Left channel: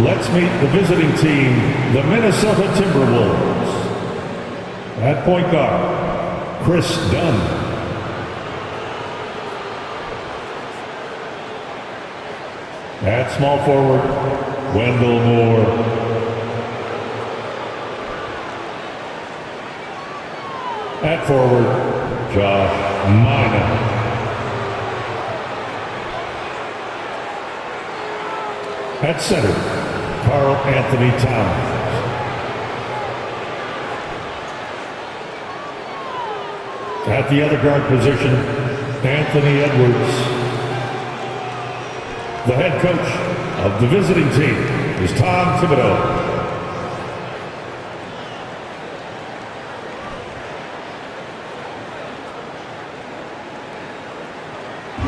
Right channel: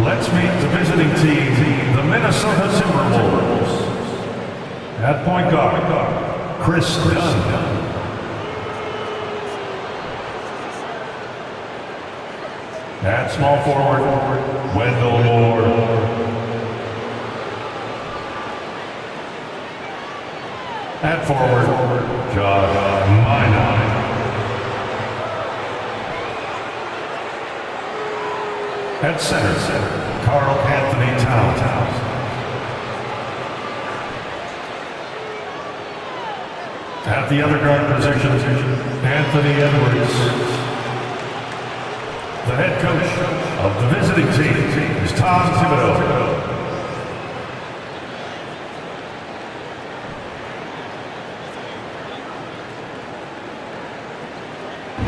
Let's meet the visiting team, the Minnesota Timberwolves. At point guard, Chris Dunn. At small forward, Wendell Moore. At forward, Josh Minot. At center, Karl Anthony Towns. At the other guard position, Anthony Edwards. The head coach of the visiting team is Tom Thibodeau.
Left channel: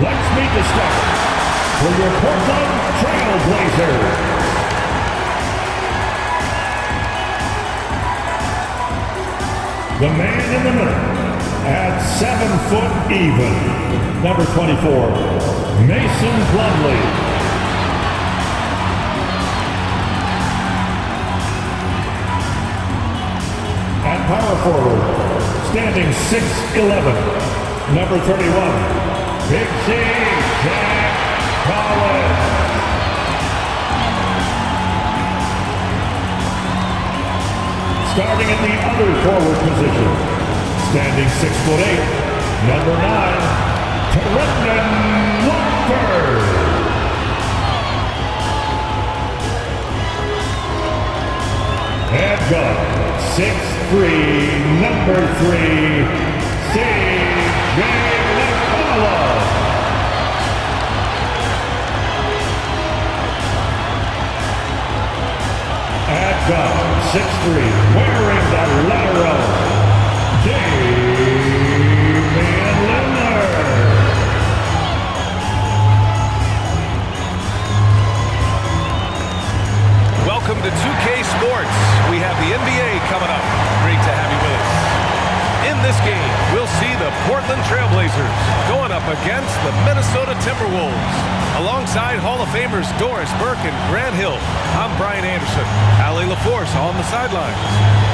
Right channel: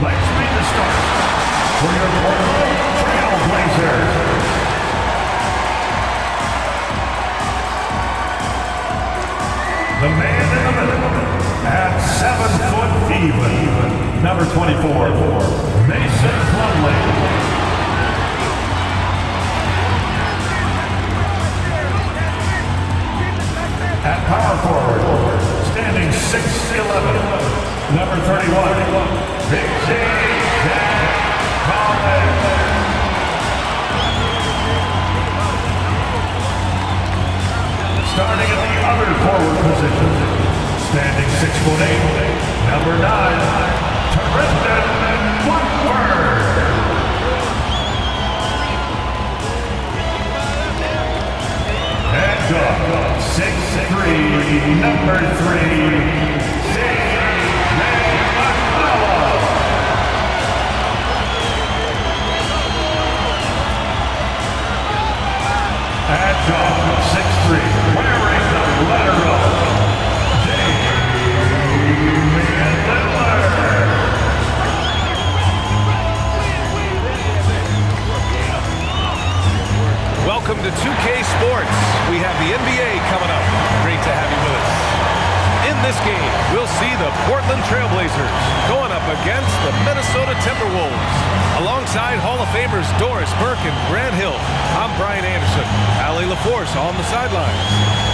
Let's meet the starters for your Portland Trail Blazers. The man in the middle, at 7 foot even, number 24, Mason Plumlee. At power forward, standing 6'11", number 31, Big Z, Jack Collins. Starting in the other forward position, standing 6'8", number 9, Terendon Watford. Head guard, 6'3", number 3, C.J. McCullough. At guard, 6'3", wearing the letter O, Damian Lillard. Welcome to 2K Sports. We have the NBA coming up. Great to have you with us. In this game, we'll see the Portland Trail Blazers going up against the Minnesota Timberwolves. Alongside Hall of Famers Doris Burke and Grant Hill, I'm Brian Anderson. Allie LaForce on the sidelines.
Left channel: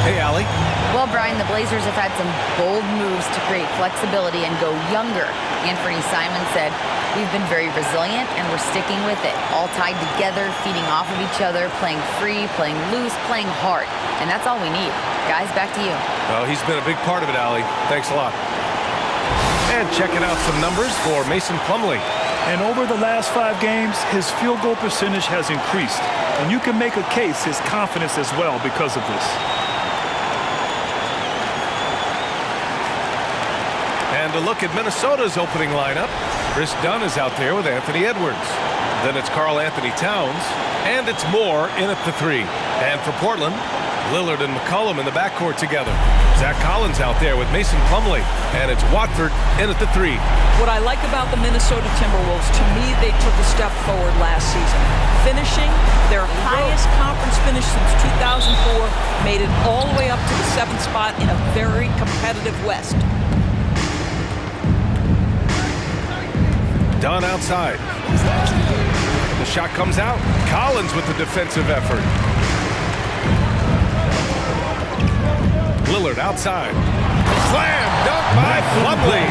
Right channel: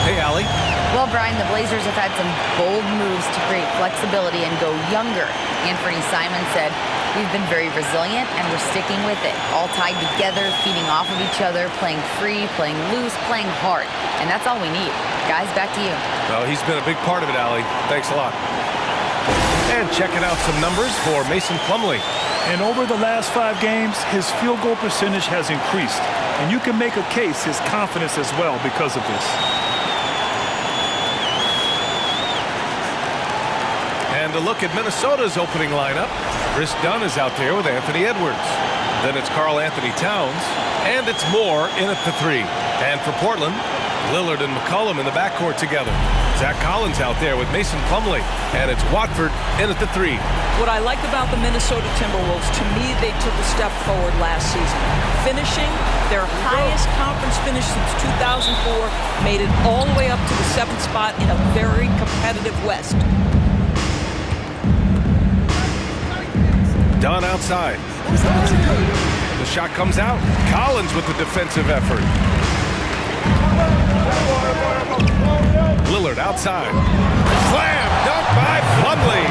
Hey, Allie. Well, Brian, the Blazers have had some bold moves to create flexibility and go younger. Anthony Simon said, "We've been very resilient and we're sticking with it. All tied together, feeding off of each other, playing free, playing loose, playing hard. And that's all we need." Guys, back to you. Well, he's been a big part of it, Allie. Thanks a lot. And checking out some numbers for Mason Plumlee. And over the last 5 games, his field goal percentage has increased. And you can make a case his confidence as well because of this. And a look at Minnesota's opening lineup. Chris Dunn is out there with Anthony Edwards. Then it's Karl Anthony Towns. And it's Moore in at the 3. And for Portland, Lillard and McCollum in the backcourt together. Zach Collins out there with Mason Plumlee. And it's Watford in at the 3. What I like about the Minnesota Timberwolves, to me, they took a step forward last season. Finishing their highest conference finish since 2004, made it all the way up to the 7th spot in a very competitive West. Dunn outside. The shot comes out. Collins with the defensive effort. Lillard outside. Slam dunk by Plumlee.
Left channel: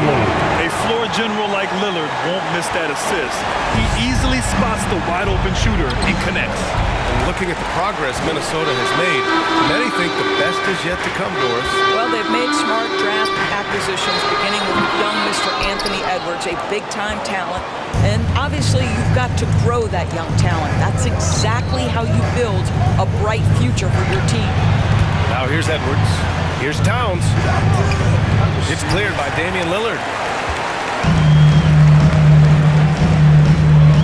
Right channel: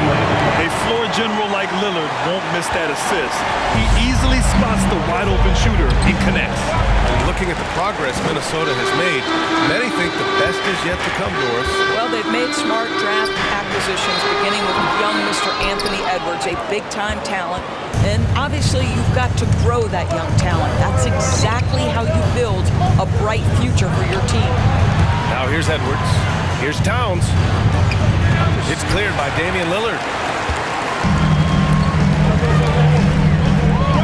A floor general like Lillard won't miss that assist. He easily spots the wide open shooter and connects. And looking at the progress Minnesota has made, many think the best is yet to come, Doris. Well, they've made smart draft acquisitions, beginning with young Mr. Anthony Edwards, a big-time talent. And obviously, you've got to grow that young talent. That's exactly how you build a bright future for your team. Now here's Edwards. Here's Towns. It's cleared by Damian Lillard.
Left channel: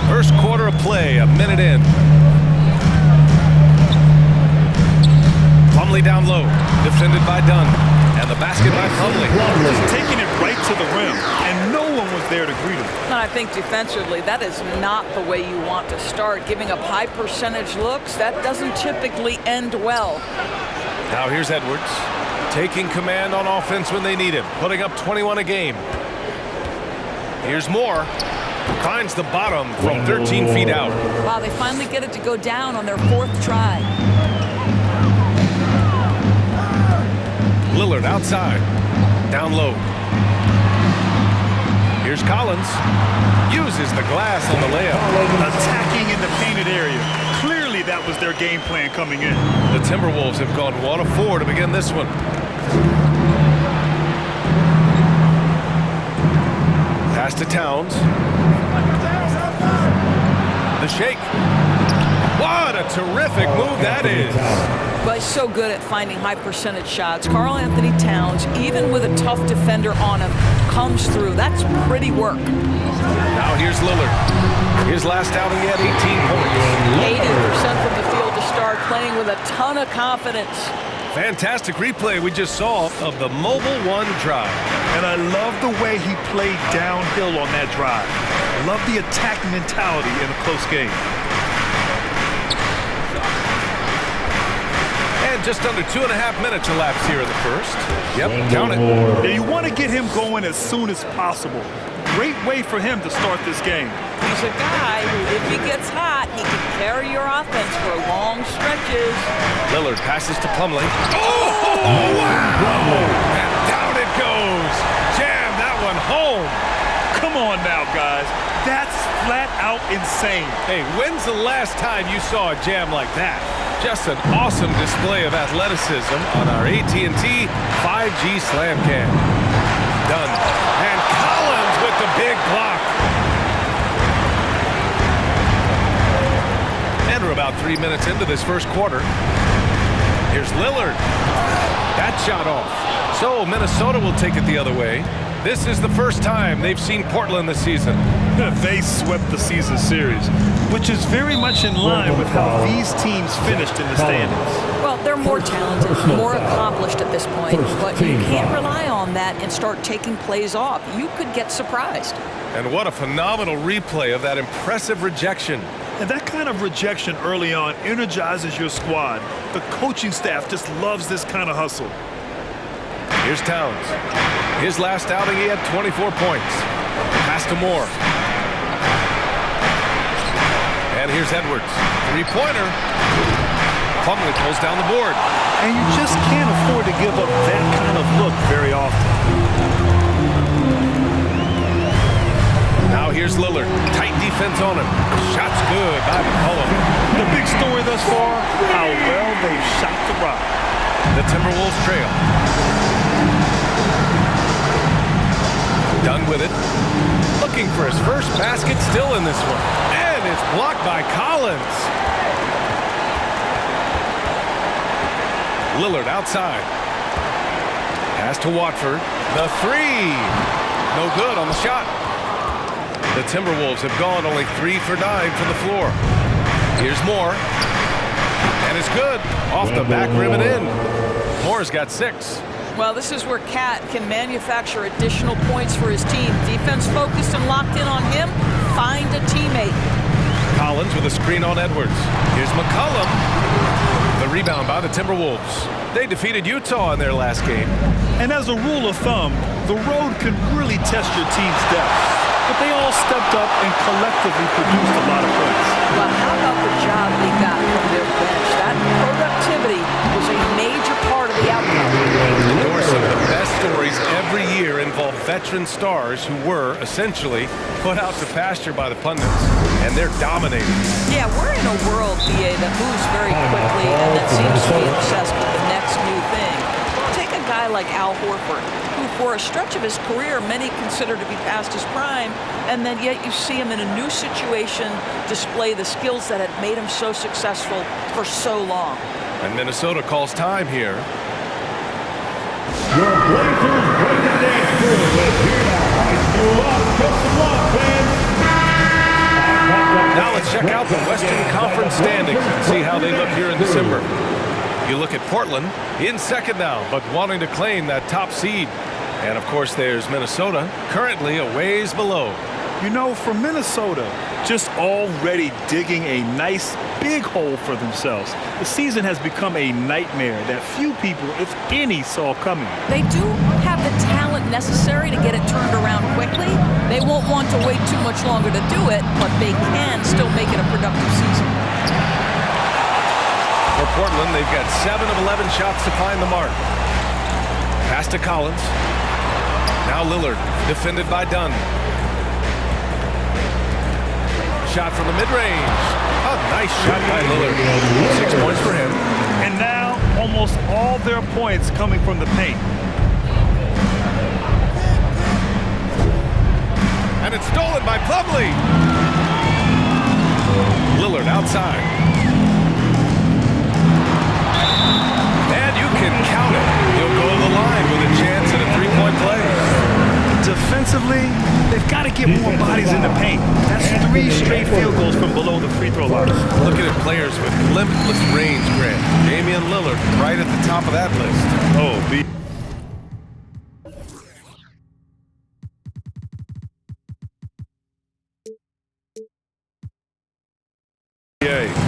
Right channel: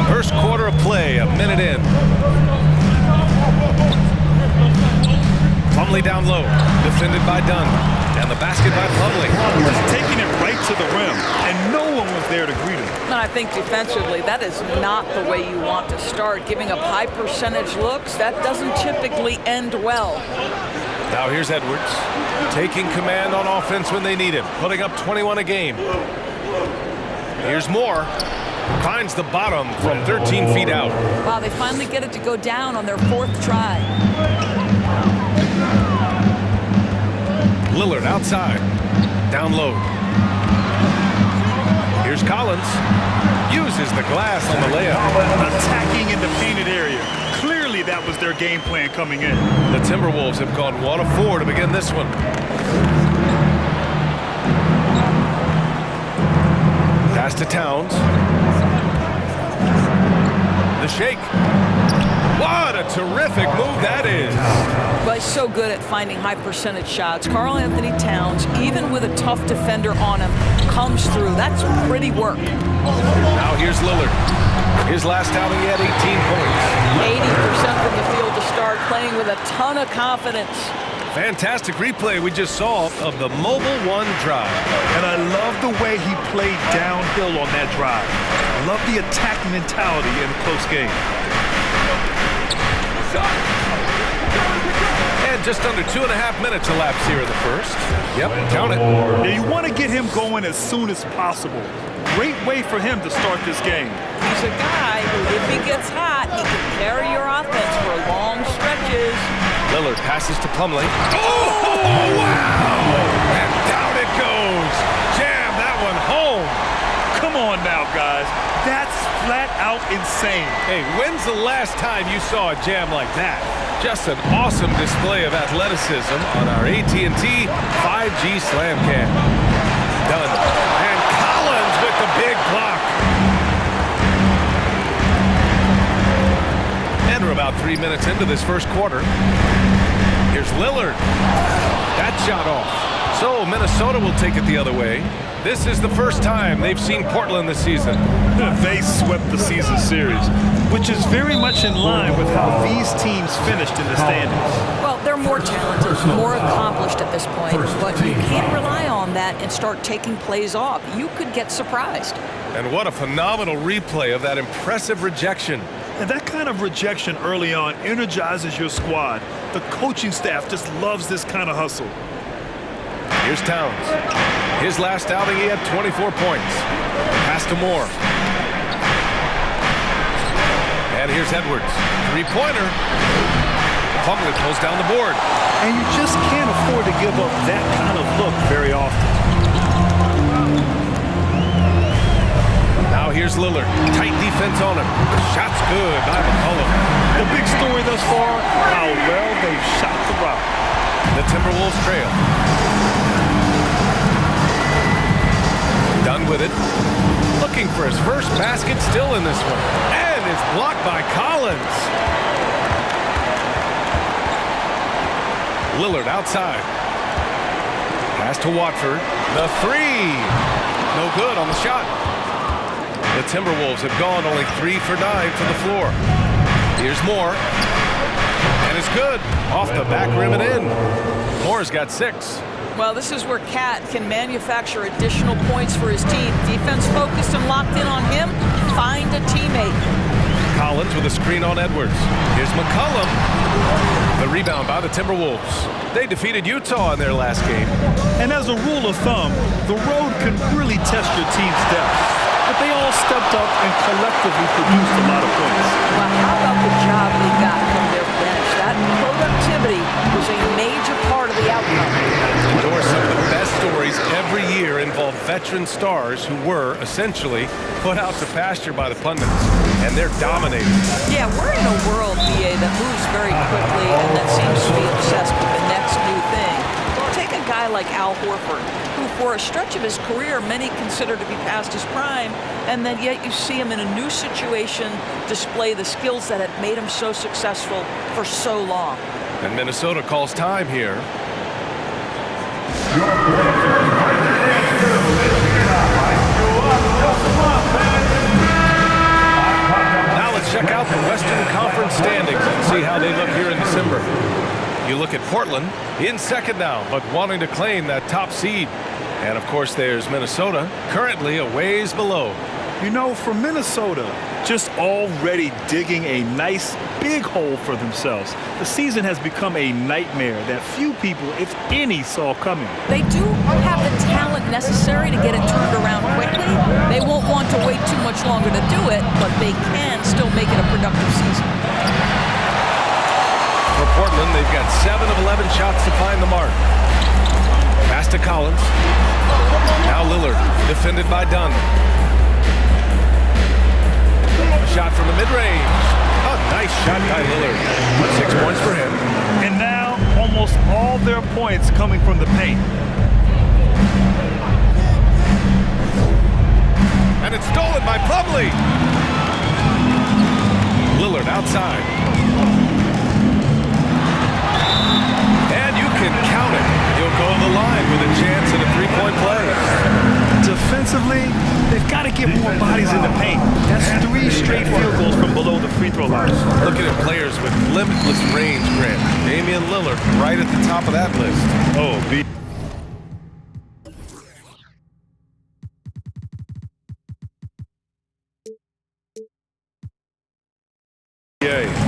First quarter of play, a minute in. Plumlee down low, defended by Dunn. And the basket by Plumlee. Just taking it right to the rim, and no one was there to greet him. And I think defensively, that is not the way you want to start. Giving up high percentage looks, that doesn't typically end well. Now here's Edwards, taking command on offense when they need him, putting up 21 a game. Here's Moore. Finds the bottom from 13 feet out. Wow, they finally get it to go down on their 4th try. Lillard outside. Down low. Here's Collins. Uses the glass on the layup. Attacking in the painted area. Clearly that was their game plan coming in. The Timberwolves have gone 1 of 4 to begin this one. Pass to Towns. The shake. What a terrific move that is. But he's so good at finding high percentage shots. Karl Anthony Towns, even with a tough defender on him, comes through. That's pretty work. Now here's Lillard. His last outing, he had 18 points. 80% from the field to start, playing with a ton of confidence. Fantastic replay we just saw of the Mobile 1 drive. And I love the way he played downhill on that drive. Love the attack mentality in a close game. And just under 2.5 minutes elapsed here in the first. Yep, count it. Now you want to get him going as soon as possible. Great way for him to start this game. He's a guy who, if he gets hot, he can carry your offense for long stretches. Lillard passes to Plumlee. Oh, wow! And down it goes. Jam that one home. Come on now, guys. That's flat out insane. Hey, when's the last time you saw a jam like that? Just an awesome display of athleticism on our AT&T 5G Slam Cam. Done. And Collins with the big block. And we're about 3 minutes into this first quarter. Here's Lillard. That shot off. So Minnesota will take it the other way. This is the first time they've seen Portland this season. They swept the season series, which is very much in line with how these teams finished in the standings. Well, they're more talented, more accomplished at this point, but you can't rely on that and start taking plays off. You could get surprised. And what a phenomenal replay of that impressive rejection. And that kind of rejection early on energizes your squad. The coaching staff just loves this kind of hustle. Here's Towns. His last outing, he had 24 points. Pass to Moore. And here's Edwards. Three-pointer. Plumlee pulls down the board. And you just can't afford to give up that kind of look very often. Now here's Lillard. Tight defense on him. Shot's good by McCollum. The big story thus far, how well they've shot the rock. The Timberwolves trail. Done with it. Looking for his first basket still in this one. And it's blocked by Collins. Lillard outside. Pass to Watford. The three. No good on the shot. The Timberwolves have gone only 3 for 9 from the floor. Here's Moore. And it's good. Off the back rim and in. Moore's got 6. Well, this is where Cat can manufacture additional points for his team. Defense focused and locked in on him. Find a teammate. Collins with a screen on Edwards. Here's McCollum. The rebound by the Timberwolves. They defeated Utah in their last game. And as a rule of thumb, the road can really test your team's depth. But they all stepped up and collectively produced a lot of points. Well, how about the job they got from their bench? That productivity was a major part of the outcome. Endorse some of the best stories every year involve veteran stars who were essentially put out to pasture by the pundits. And they're dominating. Yeah, we're in a world, BA, that moves very quickly and that seems to be obsessed with the next new thing. Take a guy like Al Horford, who for a stretch of his career many consider to be past his prime, and then yet you see him in a new situation display the skills that had made him so successful for so long. And Minnesota calls time here. Your Blazers break the dance through with Now let's check out the Western Conference standings and see how they look here in December. You look at Portland, in second now, but wanting to claim that top seed. And of course there's Minnesota, currently a ways below. You know, for Minnesota, just already digging a nice big hole for themselves. The season has become a nightmare that few people, if any, saw coming. They do have the talent necessary to get it turned around quickly. They won't want to wait too much longer to do it, but they can still make it a productive season. For Portland, they've got 7 of 11 shots to find the mark. Pass to Collins. Now Lillard, defended by Dunn. A shot from the mid-range. A nice shot by Lillard. 6 points for him. And now, almost all their points coming from the paint. And it's stolen by Plumlee. Lillard outside. And you can count it. He'll go to the line with a chance at a three-point play. Defensively, they've got to get more bodies in the paint. That's 3 straight field goals from below the free throw line. Looking at players with limitless range, Grant. Damian Lillard right at the top of that list. Oh,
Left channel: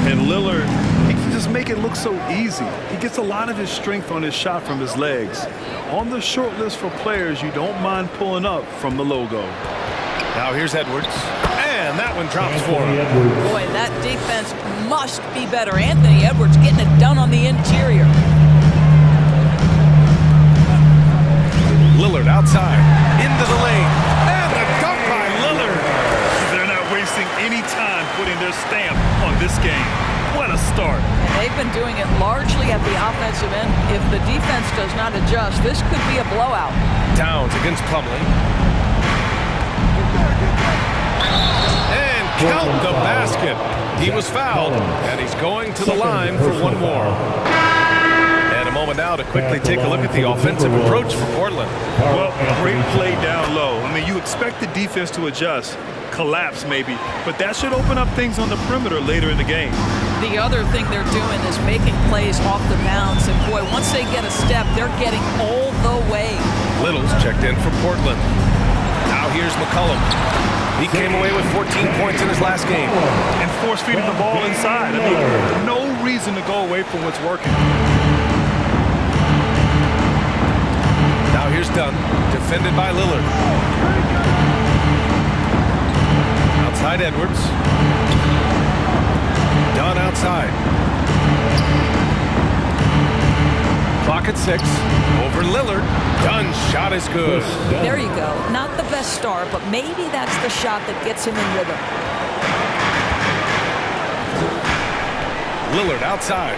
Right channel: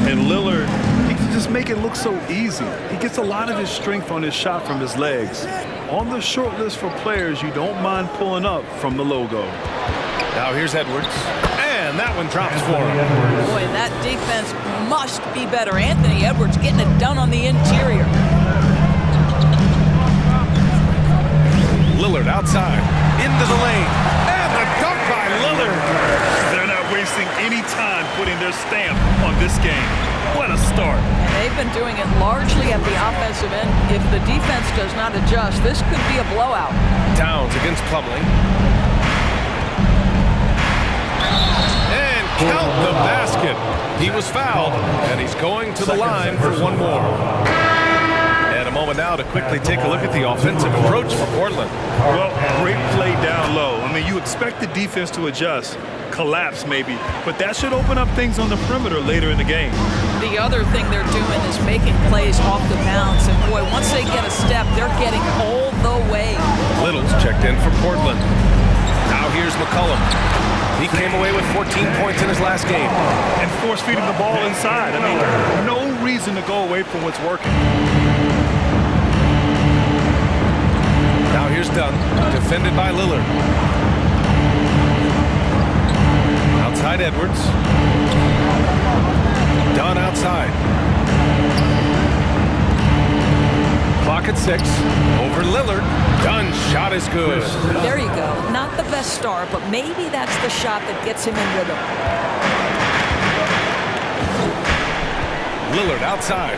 and Lillard, he can just make it look so easy. He gets a lot of his strength on his shot from his legs. On the short list for players you don't mind pulling up from the logo. Now here's Edwards. And that one drops for him. Boy, that defense must be better. Anthony Edwards getting it done on the interior. Lillard outside. Into the lane. And the dunk by Lillard. They're not wasting any time putting their stamp on this game. What a start. And they've been doing it largely at the offensive end. If the defense does not adjust, this could be a blowout. Towns against Plumlee. And count the basket. He was fouled, and he's going to the line for one more. And a moment now to quickly take a look at the offensive approach for Portland. Well, great play down low. I mean, you expect the defense to adjust, collapse maybe, but that should open up things on the perimeter later in the game. The other thing they're doing is making plays off the bounce, and boy, once they get a step, they're getting all the way. Little's checked in for Portland. Now here's McCollum. He came away with 14 points in his last game. And force-feeding the ball inside. I mean, no reason to go away from what's working. Now here's Dunn, defended by Lillard. Outside Edwards. Dunn outside. Clock at 6. Over Lillard. Dunn's shot is good. There you go. Not the best start, but maybe that's the shot that gets him in rhythm. Lillard outside.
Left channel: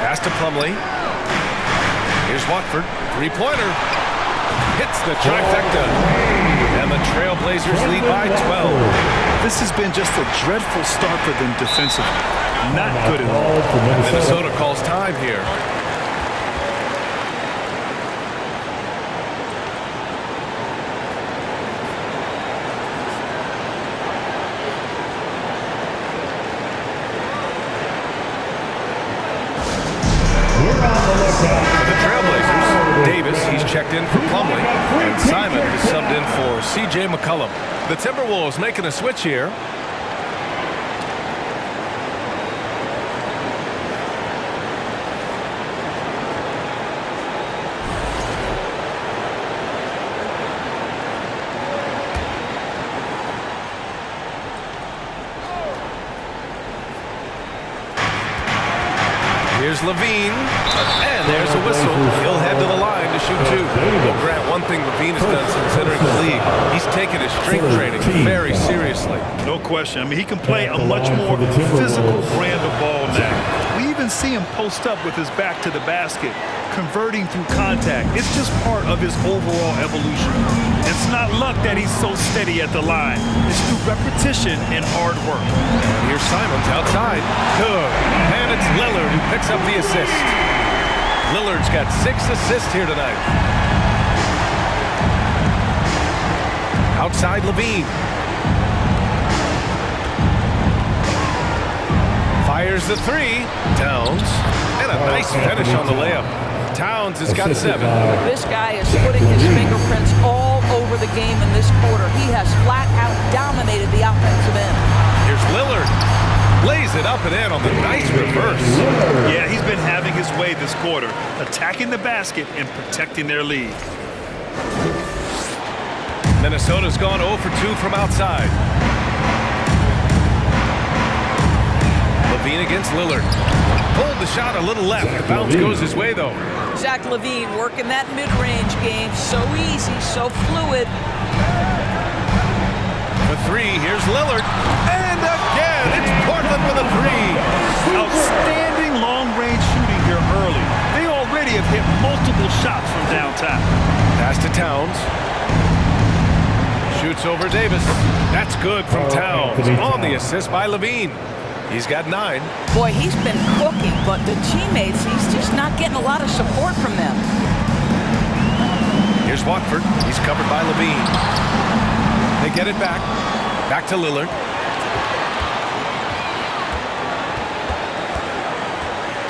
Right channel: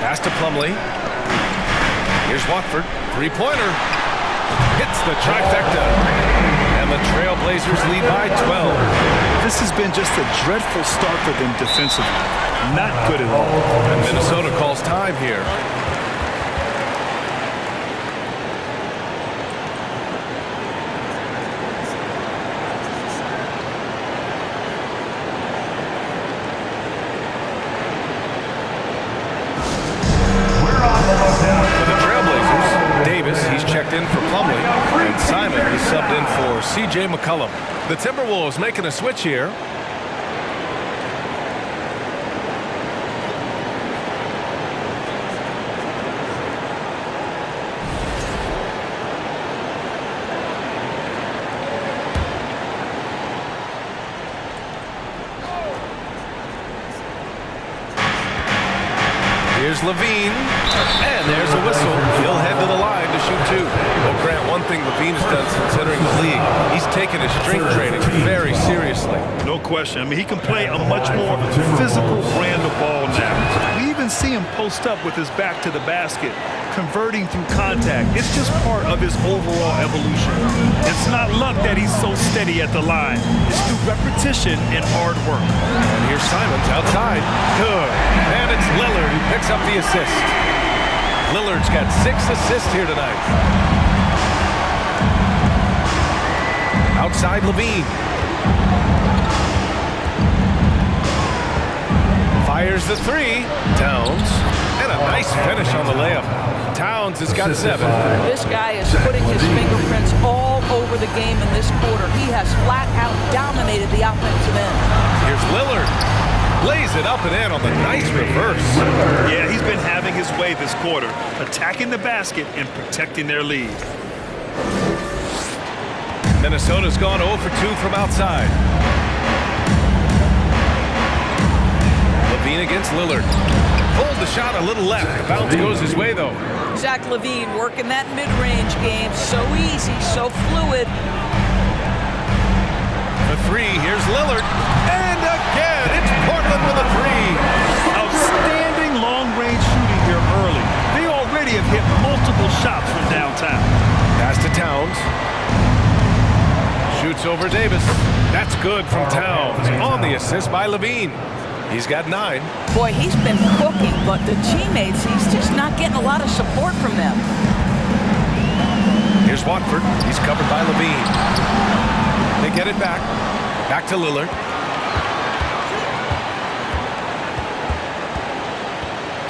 Pass to Plumlee. Here's Watford. Three-pointer. Hits the trifecta. And the Trailblazers lead by 12. This has been just a dreadful start for them defensively. Not good at all. And Minnesota calls time here. For the Trailblazers, Davis, he's checked in for Plumlee, and Simon is subbed in for C.J. McCollum. The Timberwolves making a switch here. Here's Levine, and there's a whistle. He'll head to the line to shoot 2. Well, Grant, one thing Levine has done since entering the league, he's taken his strength training very seriously. No question. I mean, he can play a much more physical brand of ball now. We even see him post up with his back to the basket, converting through contact. It's just part of his overall evolution. It's not luck that he's so steady at the line. It's through repetition and hard work. And here's Simons outside. Good. And it's Lillard who picks up the assist. Lillard's got 6 assists here tonight. Outside Levine. Fires the 3. Towns. And a nice finish on the layup. Towns has got 7. This guy is putting his fingerprints all over the game in this quarter. He has flat out dominated the offensive end. Here's Lillard. Lays it up and in on the nice reverse. Yeah, he's been having his way this quarter, attacking the basket and protecting their lead. Minnesota's gone 0 for 2 from outside. LaVine against Lillard. Pulled the shot a little left. The bounce goes his way, though. Zach LaVine working that mid-range game. So easy, so fluid. For three, here's Lillard. And again, it's Portland with a three. Outstanding long-range shooting here early. They already have hit multiple shots from downtown. Pass to Towns. Shoots over Davis. That's good from Towns. On the assist by LaVine. He's got 9. Boy, he's been cooking, but the teammates, he's just not getting a lot of support from them. Here's Watford. He's covered by LaVine. They get it back. Back to Lillard.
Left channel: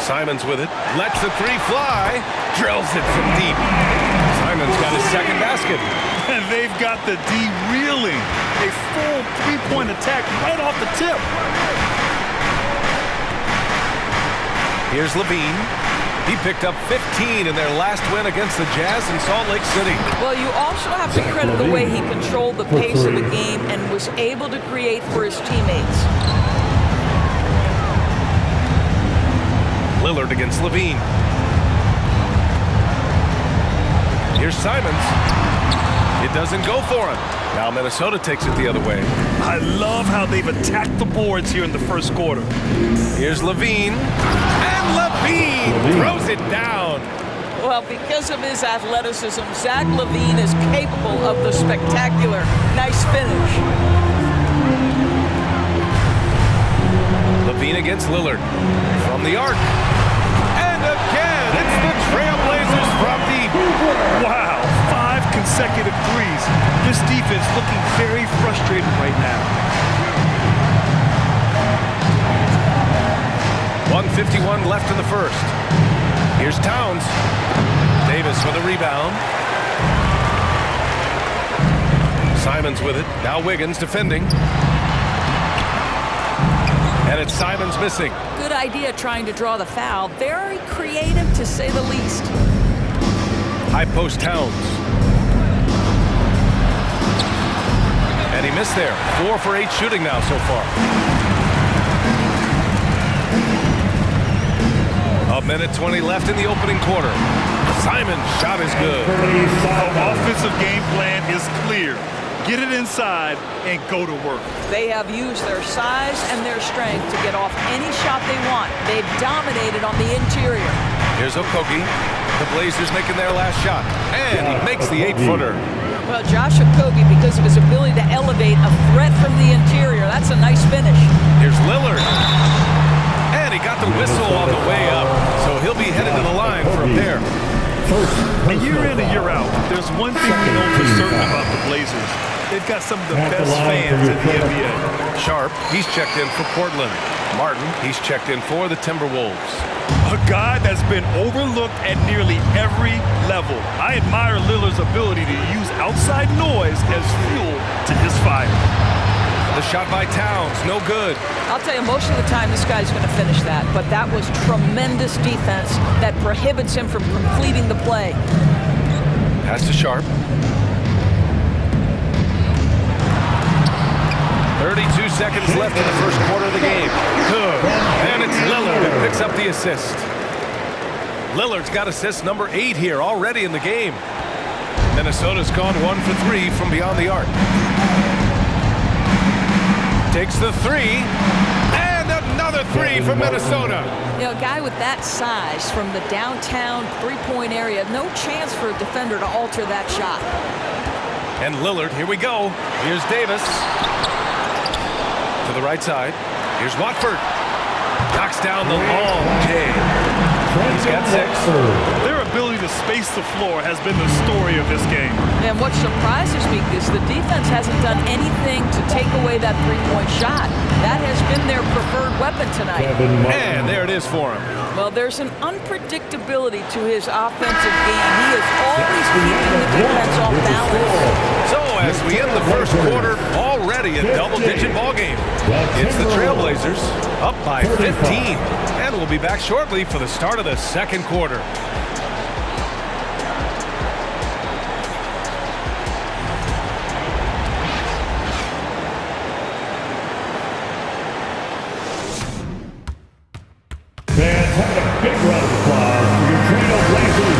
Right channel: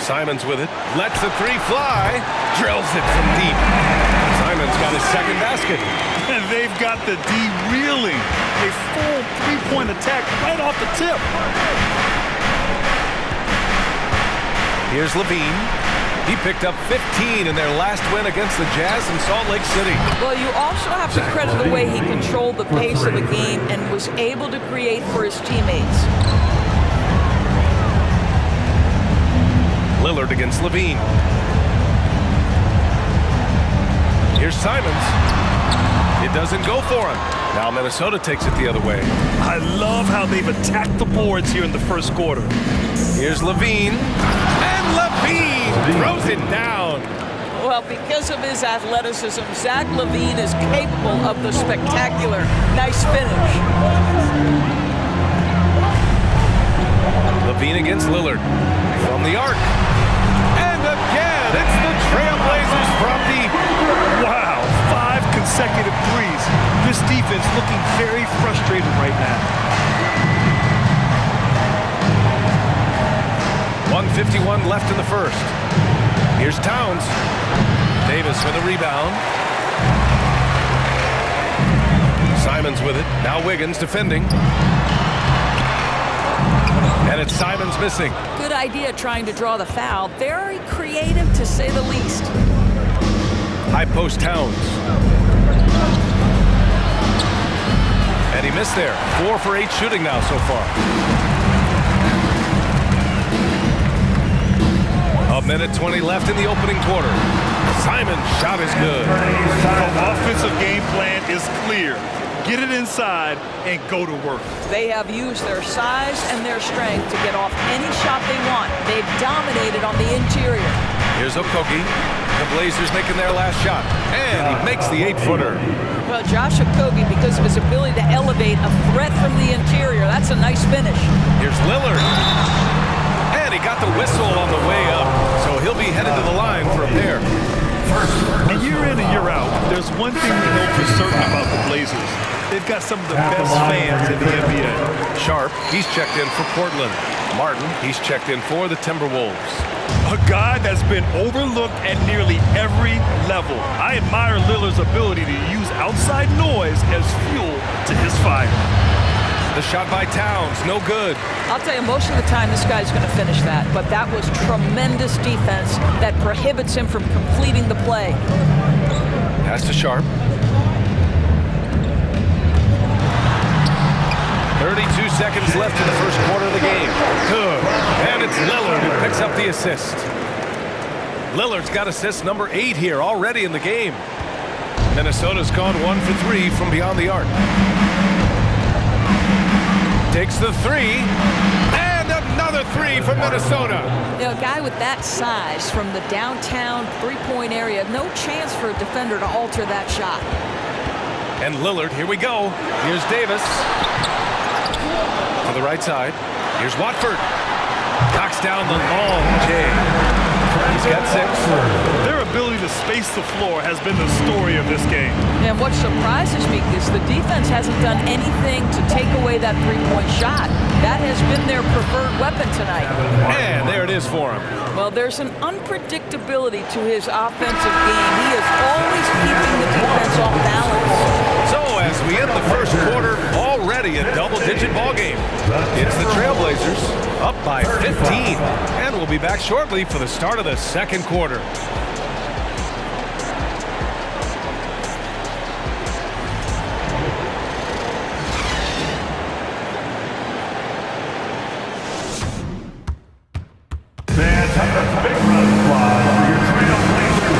Simons with it. Lets the three fly. Drills it from deep. Simons got his second basket. And they've got the D reeling. A full three-point attack right off the tip. Here's LaVine. He picked up 15 in their last win against the Jazz in Salt Lake City. Well, you also have to credit the way he controlled the pace of the game and was able to create for his teammates. Lillard against LaVine. Here's Simons. It doesn't go for him. Now Minnesota takes it the other way. I love how they've attacked the boards here in the first quarter. Here's LaVine. And LaVine throws it down. Well, because of his athleticism, Zach LaVine is capable of the spectacular. Nice finish. LaVine against Lillard. From the arc. And again, it's the Trailblazers from deep. Wow, 5 consecutive threes. This defense looking very frustrated right now. 1:51 left in the first. Here's Towns. Davis with a rebound. Simons with it. Now Wiggins defending. And it's Simons missing. Good idea trying to draw the foul. Very creative, to say the least. High post Towns. And he missed there. 4 for 8 shooting now so far. A minute 20 left in the opening quarter. Simon's shot is good. The offensive game plan is clear. Get it inside and go to work. They have used their size and their strength to get off any shot they want. They've dominated on the interior. Here's Okogie. The Blazers making their last shot. And he makes the 8-footer. Well, Josh Okogie, because of his ability to elevate a threat from the interior, that's a nice finish. Here's Lillard. And he got the whistle on the way up. So he'll be headed to the line for a pair. And year in and year out, there's one thing we know for certain about the Blazers. They've got some of the best fans in the NBA. Sharp, he's checked in for Portland. Martin, he's checked in for the Timberwolves. A guy that's been overlooked at nearly every level. I admire Lillard's ability to use outside noise as fuel to his fire. The shot by Towns, no good. I'll tell you, most of the time this guy's going to finish that, but that was tremendous defense that prohibits him from completing the play. Pass to Sharp. 32 seconds left in the first quarter of the game. Good. And it's Lillard who picks up the assist. Lillard's got assist number 8 here already in the game. Minnesota's gone 1 for 3 from beyond the arc. Takes the 3. And another 3 for Minnesota. You know, a guy with that size from the downtown three-point area, no chance for a defender to alter that shot. And Lillard, here we go. Here's Davis. To the right side. Here's Watford. Knocks down the long J. He's got 6. Their ability to space the floor has been the story of this game. And what surprises me is the defense hasn't done anything to take away that three-point shot. That has been their preferred weapon tonight. And there it is for him. Well, there's an unpredictability to his offensive game. He is always keeping the defense off balance. So as we end the first quarter, already a double-digit ball game. It's the Trailblazers up by 15. And we'll be back shortly for the start of the second quarter.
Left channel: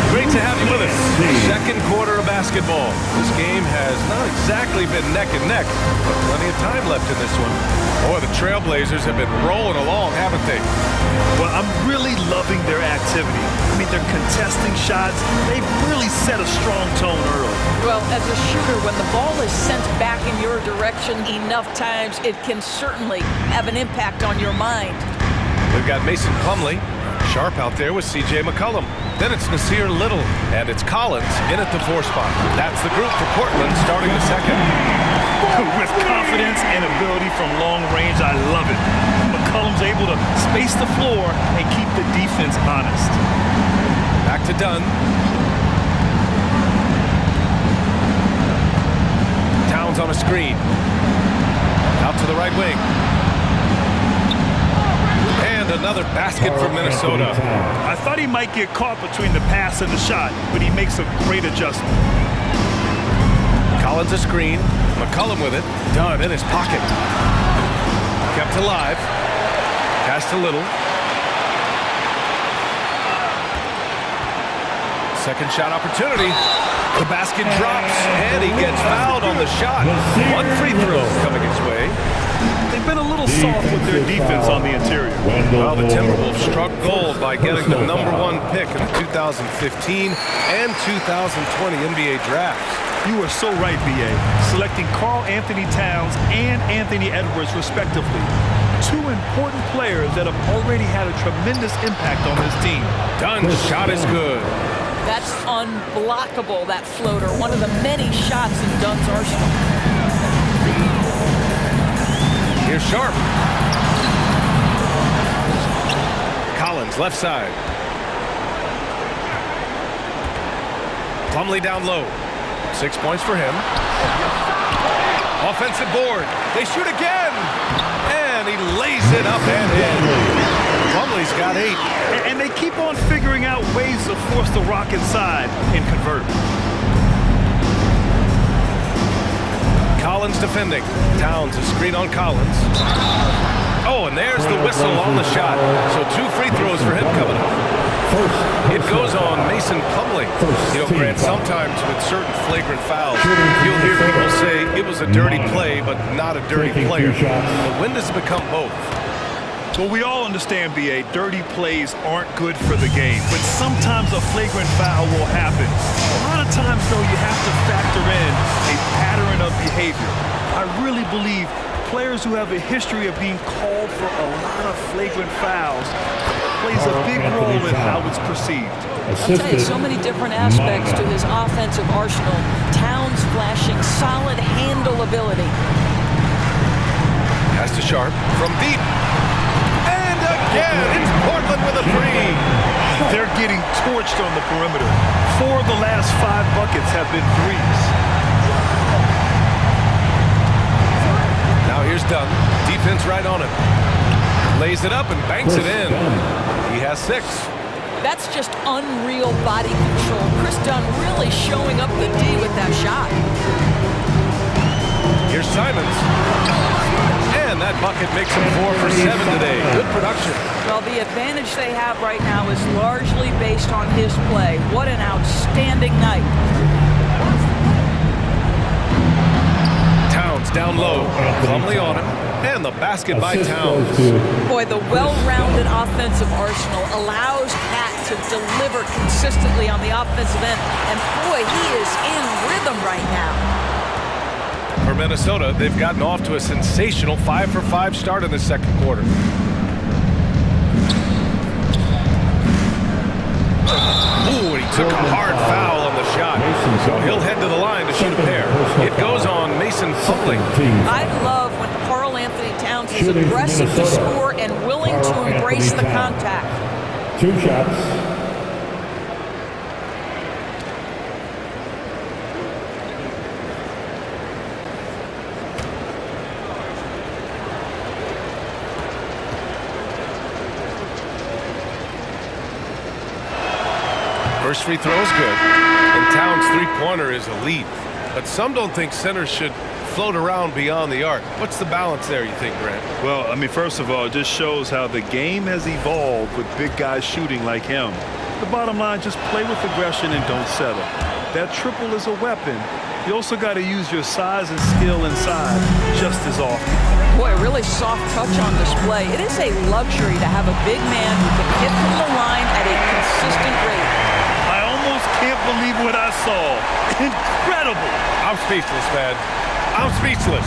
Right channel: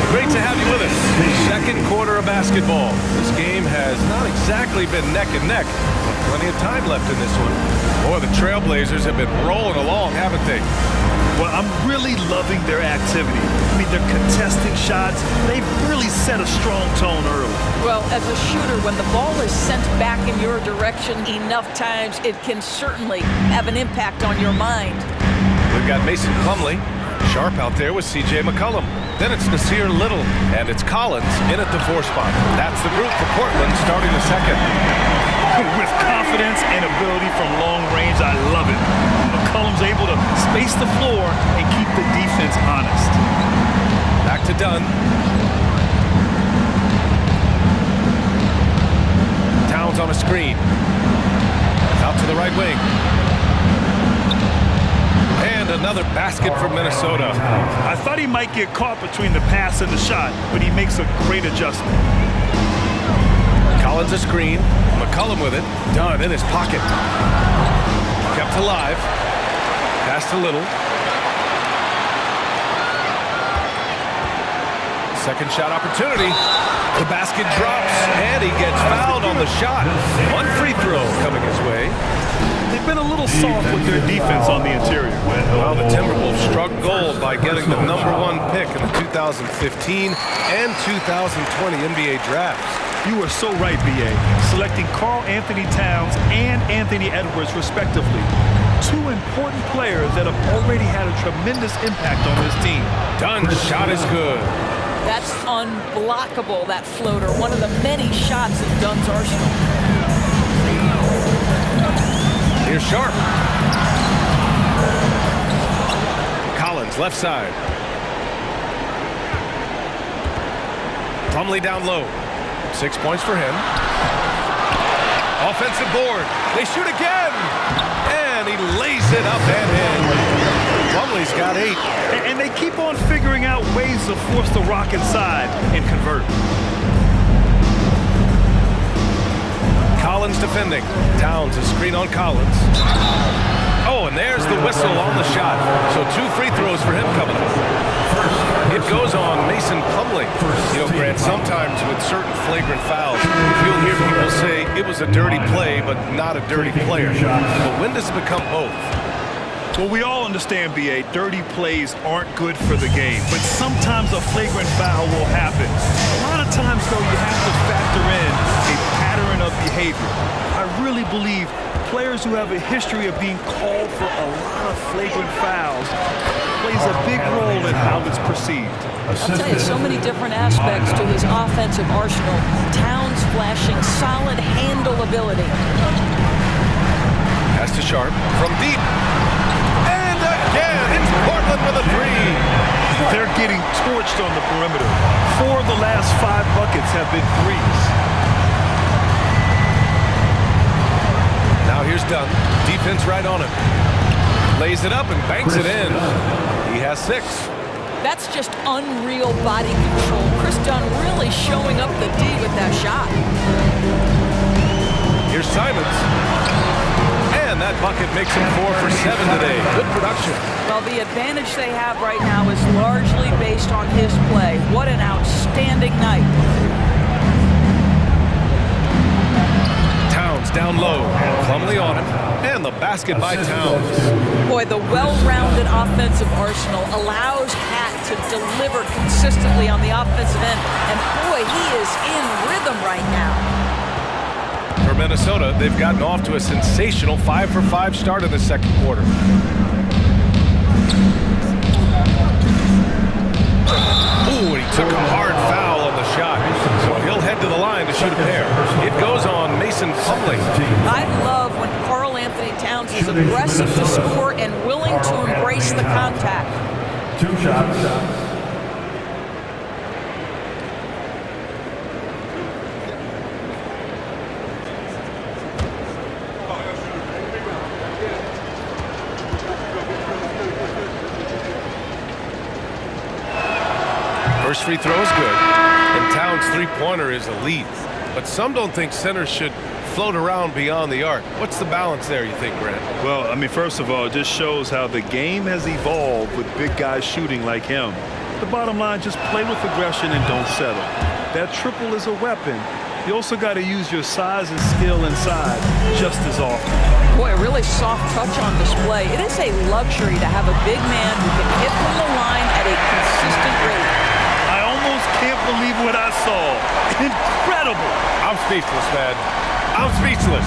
Great to have you with us. Second quarter of basketball. This game has not exactly been neck and neck, but plenty of time left in this one. Boy, the Trailblazers have been rolling along, haven't they? Well, I'm really loving their activity. I mean, they're contesting shots. They've really set a strong tone early. Well, as a shooter, when the ball is sent back in your direction enough times, it can certainly have an impact on your mind. We've got Mason Plumlee, sharp out there with C.J. McCollum. Then it's Nasir Little, and it's Collins in at the 4 spot. That's the group for Portland starting the second. With confidence and ability from long range, I love it. McCollum's able to space the floor and keep the defense honest. Back to Dunn. Towns on a screen. Out to the right wing. And another basket for Minnesota. I thought he might get caught between the pass and the shot, but he makes a great adjustment. Collins a screen. McCollum with it. Dunn in his pocket. Kept alive. Pass to Little. Second shot opportunity. The basket drops, and he gets fouled on the shot. One free throw coming his way. They've been a little soft with their defense on the interior. Well, the Timberwolves struck gold by getting the #1 pick in the 2015 and 2020 NBA drafts. You are so right, B.A. Selecting Karl Anthony Towns and Anthony Edwards, respectively. Two important players that have already had a tremendous impact on this team. Dunn's shot is good. That's unblockable, that floater. One of the many shots in Dunn's arsenal. Here's Sharp. Collins, left side. Plumlee down low. 6 points for him. Offensive board. They shoot again. And he lays it up and in. Plumlee's got 8. And they keep on figuring out ways to force the rock inside and convert. Collins defending. Towns a screen on Collins. Oh, and there's the whistle on the shot. So 2 free throws for him coming up. It goes on Mason Plumlee. You know, Grant, sometimes with certain flagrant fouls, you'll hear people say it was a dirty play, but not a dirty player. But when does it become both? Well, we all understand, B.A., dirty plays aren't good for the game, but sometimes a flagrant foul will happen. A lot of times, though, you have to factor in a pattern of behavior. I really believe players who have a history of being called for a lot of flagrant fouls plays a big role in how it's perceived. I'll tell you, so many different aspects to his offensive arsenal. Towns flashing solid handle ability. Pass to Sharp from deep. And again, it's Portland with a 3. They're getting torched on the perimeter. 4 of the last 5 buckets have been threes. Now here's Dunn. Defense right on him. Lays it up and banks it in. He has 6. That's just unreal body control. Chris Dunn really showing up the D with that shot. Here's Simons. And that bucket makes him 4 for 7 today. Good production. Well, the advantage they have right now is largely based on his play. What an outstanding night. Towns down low. Plumlee on him. And the basket by Towns. Boy, the well-rounded offensive arsenal allows Pat to deliver consistently on the offensive end. And boy, he is in rhythm right now. For Minnesota, they've gotten off to a sensational 5 for 5 start in the second quarter. Ooh, he took a hard foul on the shot. So he'll head to the line to shoot a pair. It goes on Mason Plumlee. I love when Karl Anthony Towns is aggressive to score and willing to embrace the contact. 2 shots. First free throw is good, and Towns' three-pointer is elite. But some don't think centers should float around beyond the arc. What's the balance there, you think, Grant? Well, I mean, first of all, it just shows how the game has evolved with big guys shooting like him. The bottom line, just play with aggression and don't settle. That triple is a weapon. You also got to use your size and skill inside just as often. Boy, a really soft touch on display. It is a luxury to have a big man who can hit from the line at a consistent rate. I almost can't believe what I saw. Incredible. I'm speechless, man. I'm speechless.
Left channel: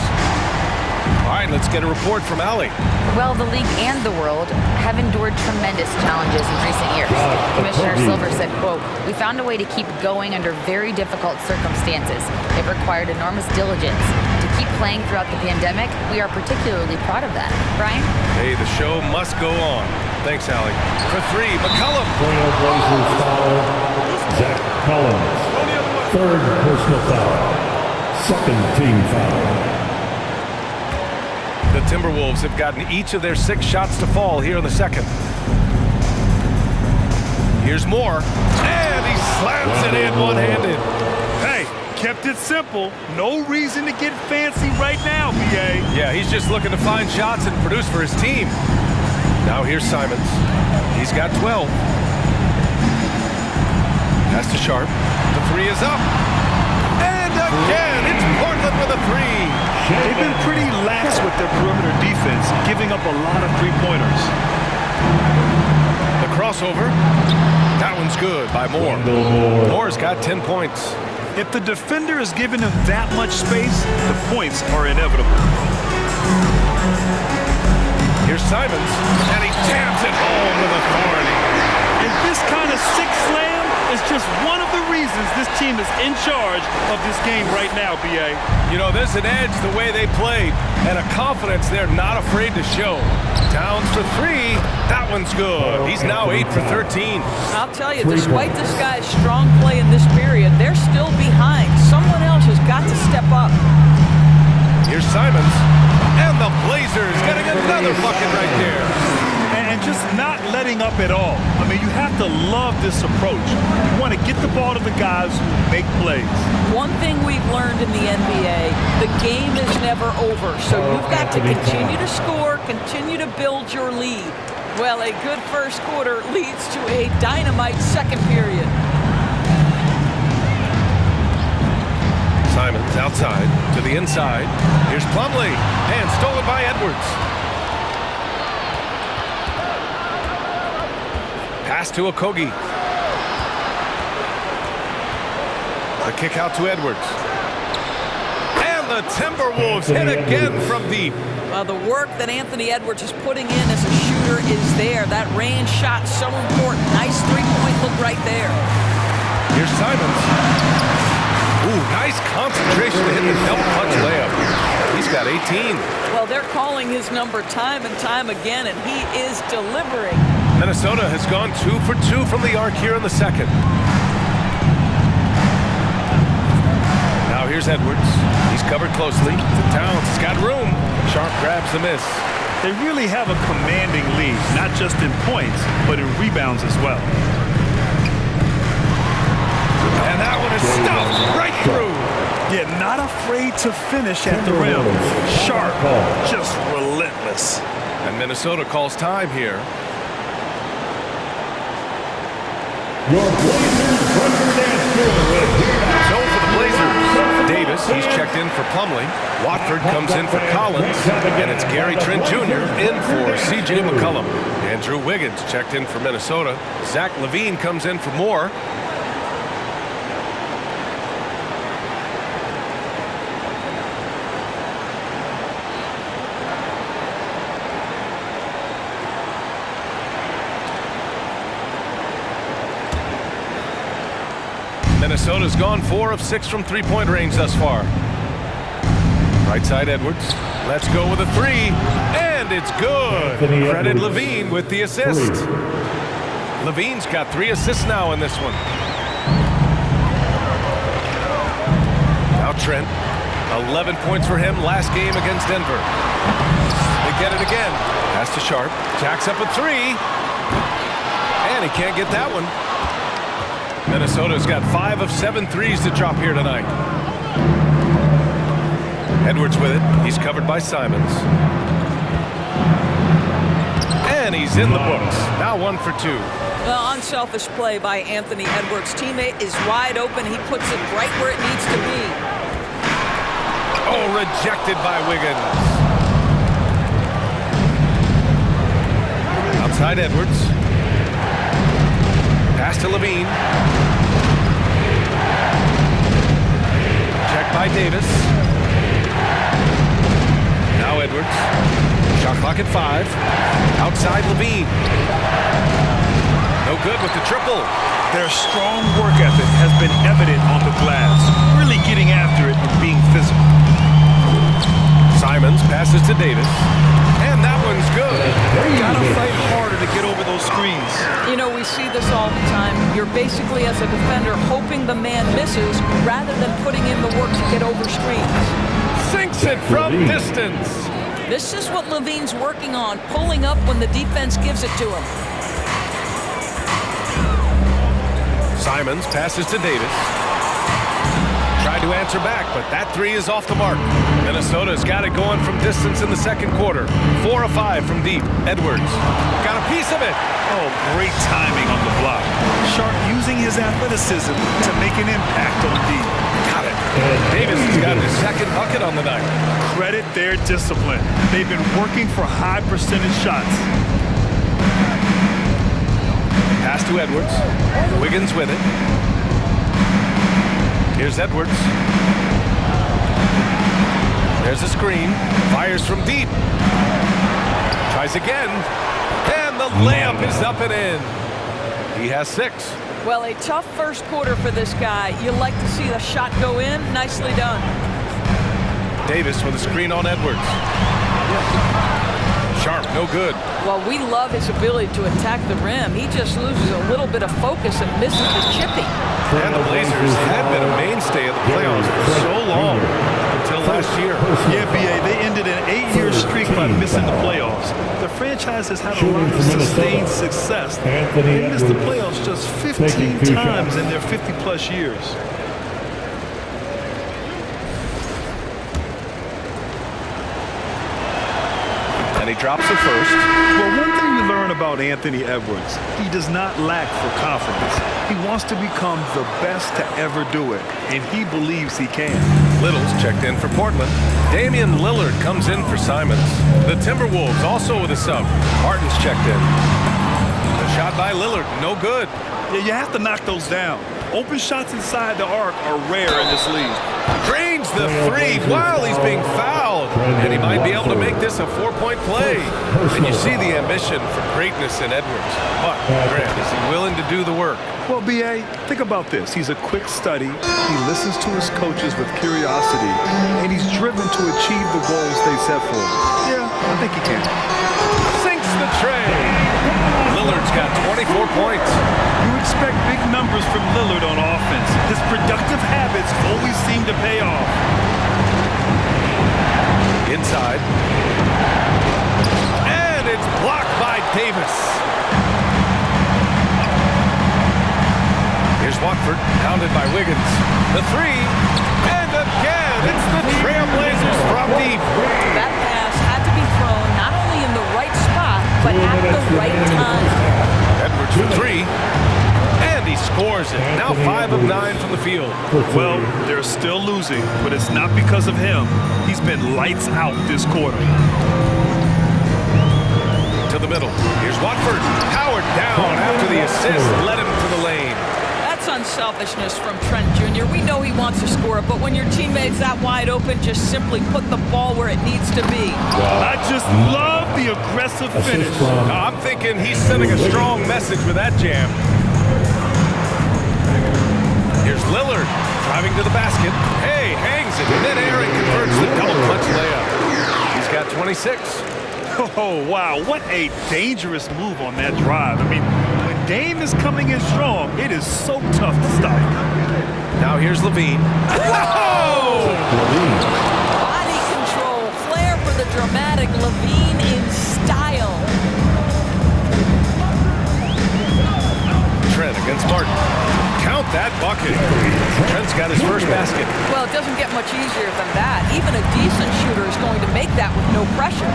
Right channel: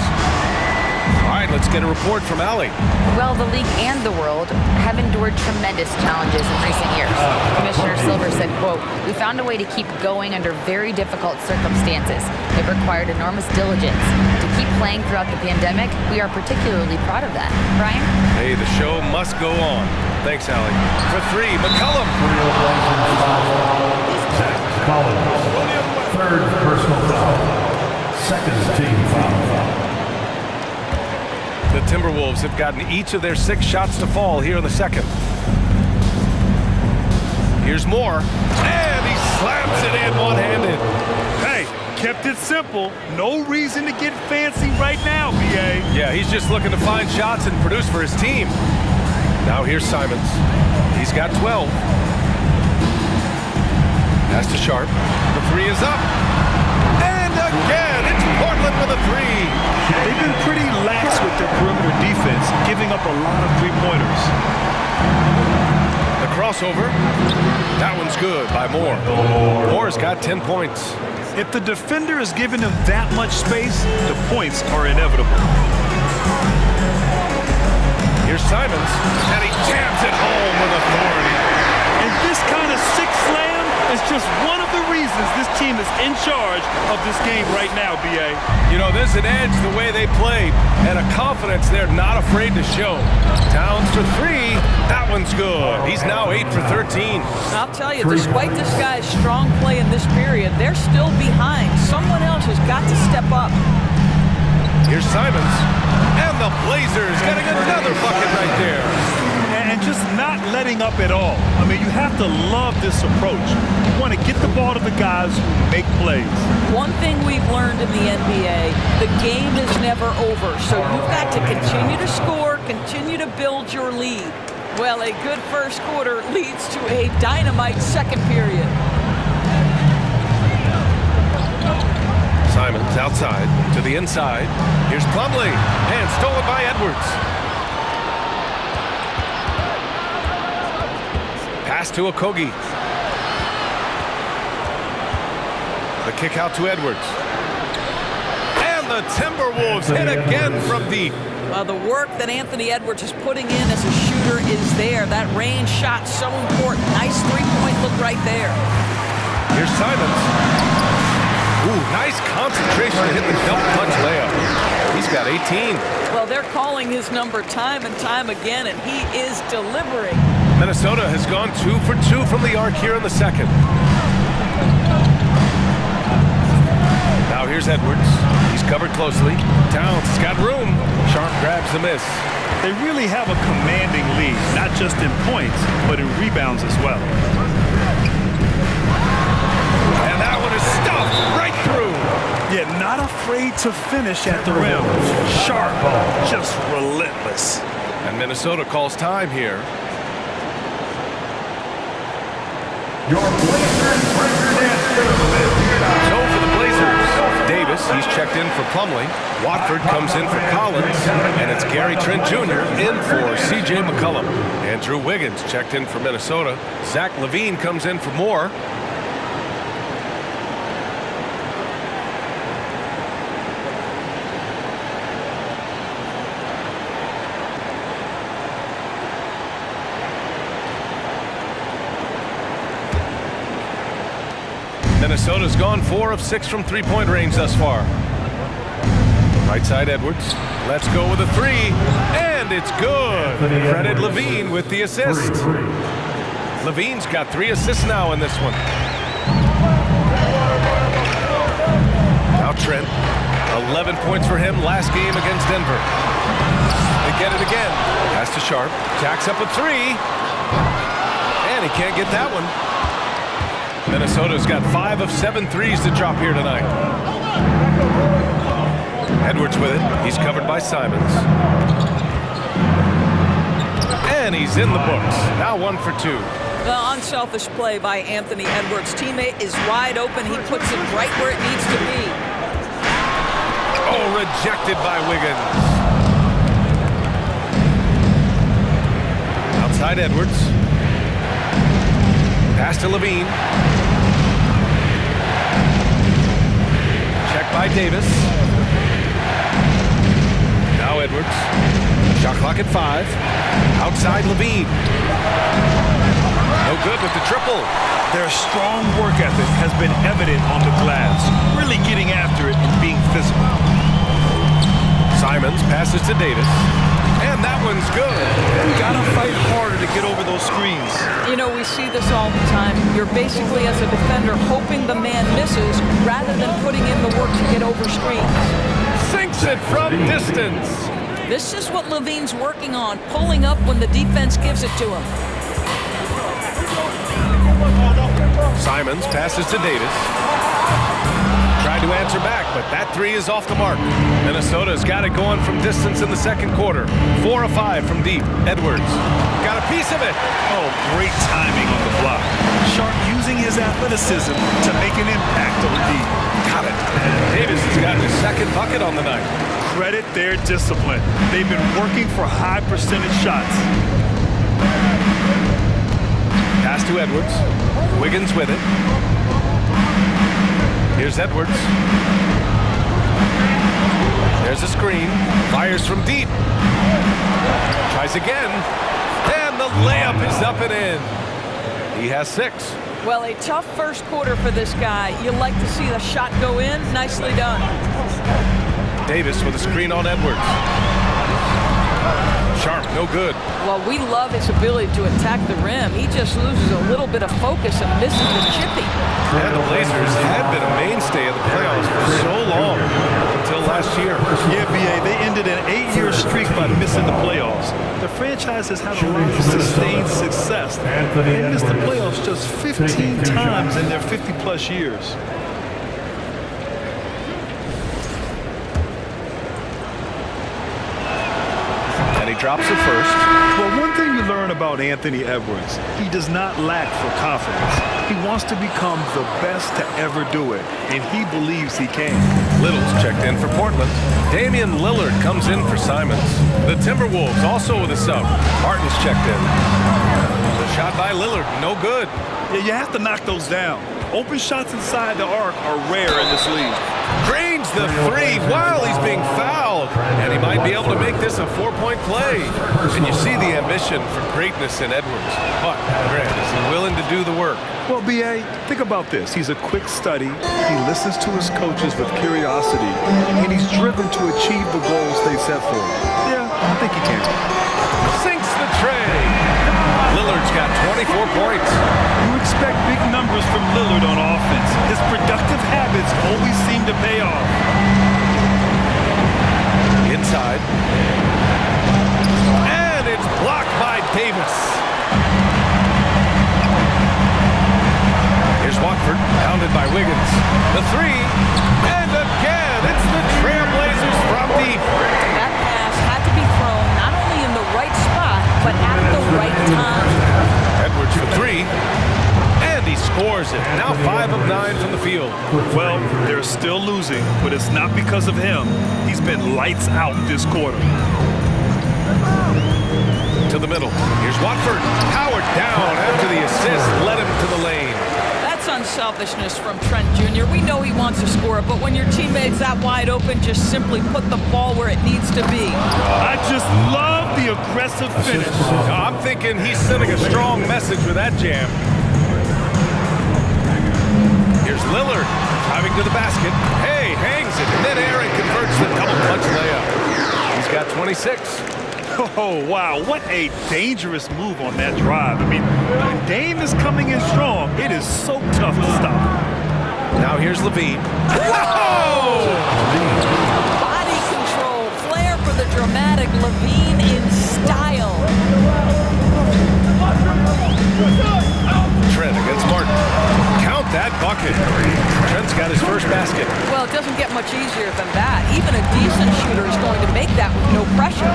All right, let's get a report from Allie. Well, the league and the world have endured tremendous challenges in recent years. Commissioner Silver said, quote, "We found a way to keep going under very difficult circumstances. It required enormous diligence. To keep playing throughout the pandemic, we are particularly proud of that." Brian? Hey, the show must go on. Thanks, Allie. For 3, McCollum. Trailblazers foul. Zach Collins. 3rd personal foul. 2nd team foul. The Timberwolves have gotten each of their 6 shots to fall here in the second. Here's Moore, and he slams it in one-handed. Hey, kept it simple. No reason to get fancy right now, B.A. Yeah, he's just looking to find shots and produce for his team. Now here's Simons. He's got 12. Pass to Sharp. The 3 is up. And again, it's Portland with a 3. They've been pretty lax with their perimeter defense, giving up a lot of three-pointers. The crossover. That one's good by Moore. Moore's got 10 points. If the defender is giving him that much space, the points are inevitable. Here's Simons, and he jams it home with authority. And this kind of sick slam is just one of the reasons this team is in charge of this game right now, B.A. You know, there's an edge the way they play, and a confidence they're not afraid to show. Towns for 3. That one's good. He's now 8 for 13. I'll tell you, despite this guy's strong play in this period, they're still behind. Someone else has got to step up. Here's Simons, and the Blazers getting another bucket right there. And just not letting up at all. I mean, you have to love this approach. You want to get the ball to the guys who make plays. One thing we've learned in the NBA, the game is never over. So you've got to continue to score, continue to build your lead. Well, a good first quarter leads to a dynamite second period. Simons outside to the inside. Here's Plumlee, and stolen by Edwards. Pass to Okogie. The kick out to Edwards. And the Timberwolves hit again from deep. The work that Anthony Edwards is putting in as a shooter is there. That range shot so important. Nice three-point look right there. Here's Simons. Ooh, nice concentration to hit the double clutch layup. He's got 18. Well, they're calling his number time and time again, and he is delivering. Minnesota has gone 2 for 2 from the arc here in the second. Now here's Edwards. He's covered closely. Towns has got room. Sharp grabs the miss. They really have a commanding lead, not just in points, but in rebounds as well. And that one is stuffed right through. Yeah, not afraid to finish at the rim. Sharp, just relentless. And Minnesota calls time here. Your Blazers record at So for the Blazers, Davis, he's checked in for Plumlee. Watford comes in for Collins. And it's Gary Trent Jr. in for C.J. McCollum. Andrew Wiggins checked in for Minnesota. Zach LaVine comes in for Moore. Minnesota's gone 4 of 6 from three-point range thus far. Right side Edwards. Let's go with a 3. And it's good. Credit Levine with the assist. Levine's got 3 assists now in this one. Now Trent. 11 points for him last game against Denver. They get it again. Pass to Sharp. Jacks up a 3. And he can't get that one. Minnesota's got 5 of 7 threes to drop here tonight. Edwards with it. He's covered by Simons. And he's in the books. Now 1 for 2. The unselfish play by Anthony Edwards. Teammate is wide open. He puts it right where it needs to be. Oh, rejected by Wiggins. Outside Edwards. Pass to Levine. Check by Davis. Now Edwards. Shot clock at 5. Outside Levine. No good with the triple. Their strong work ethic has been evident on the glass, really getting after it and being physical. Simons passes to Davis. And that one's good. Gotta fight harder to get over those screens. You know, we see this all the time. You're basically, as a defender, hoping the man misses rather than putting in the work to get over screens. Sinks it from distance. This is what Levine's working on, pulling up when the defense gives it to him. Simons passes to Davis. Tried to answer back, but that 3 is off the mark. Minnesota's got it going from distance in the second quarter. 4 of 5 from deep. Edwards got a piece of it. Oh, great timing on the block. Sharp using his athleticism to make an impact on D. Got it. Davis has got his second bucket on the night. Credit their discipline. They've been working for high percentage shots. Pass to Edwards. Wiggins with it. Here's Edwards. There's a screen. Fires from deep. Tries again. And the layup is up and in. He has 6. Well, a tough first quarter for this guy. You like to see the shot go in. Nicely done. Davis with a screen on Edwards. Sharp, no good. Well, we love his ability to attack the rim. He just loses a little bit of focus and misses the chippy. And the Blazers had been a mainstay of the playoffs for so long, up until last year. Yeah, B.A., they ended an 8-year streak by missing the playoffs. The franchise has had a lot of sustained success. They missed the playoffs just 15 times in their 50-plus years. And he drops the first. Well, one thing you learn about Anthony Edwards, he does not lack for confidence. He wants to become the best to ever do it, and he believes he can. Little's checked in for Portland. Damian Lillard comes in for Simons. The Timberwolves also with a sub. Martin's checked in. The shot by Lillard, no good. Yeah, you have to knock those down. Open shots inside the arc are rare in this league. Drains the 3 while he's being fouled. And he might be able to make this a 4-point play. And you see the ambition for greatness in Edwards. But, Grant, is he willing to do the work? Well, B.A., think about this. He's a quick study. He listens to his coaches with curiosity. And he's driven to achieve the goals they set for him. Yeah, I think he can. Sinks the tray. Lillard's got 24 points. You expect big numbers from Lillard on offense. His productive habits always seem to pay off. Inside. And it's blocked by Davis. Here's Watford, pounded by Wiggins. The 3, and again, it's the Trailblazers from deep. That pass had to be thrown not only in the right spot, but at the right time. Edwards for 3, and he scores it. Now 5 of 9 from the field. Well, they're still losing, but it's not because of him. He's been lights out this quarter. To the middle. Here's Watford, powered down after the assist, led him to the lane. That's unselfishness from Trent Jr. We know he wants to score, but when your teammate's that wide open, just simply put the ball where it needs to be. I just love the aggressive finish. I'm thinking he's sending a strong message with that jam. Here's Lillard driving to the basket. Hey, hangs it midair and converts the double clutch layup. He's got 26. Oh, wow. What a dangerous move on that drive. I mean, when Dame is coming in strong, it is so tough to stop him. Now here's Levine. Whoa! Body control, flair for the dramatic. Levine in style. Trent against Martin. Count that bucket. Trent's got his first basket. Well, it doesn't get much easier than that. Even a decent shooter is going to make that with no pressure.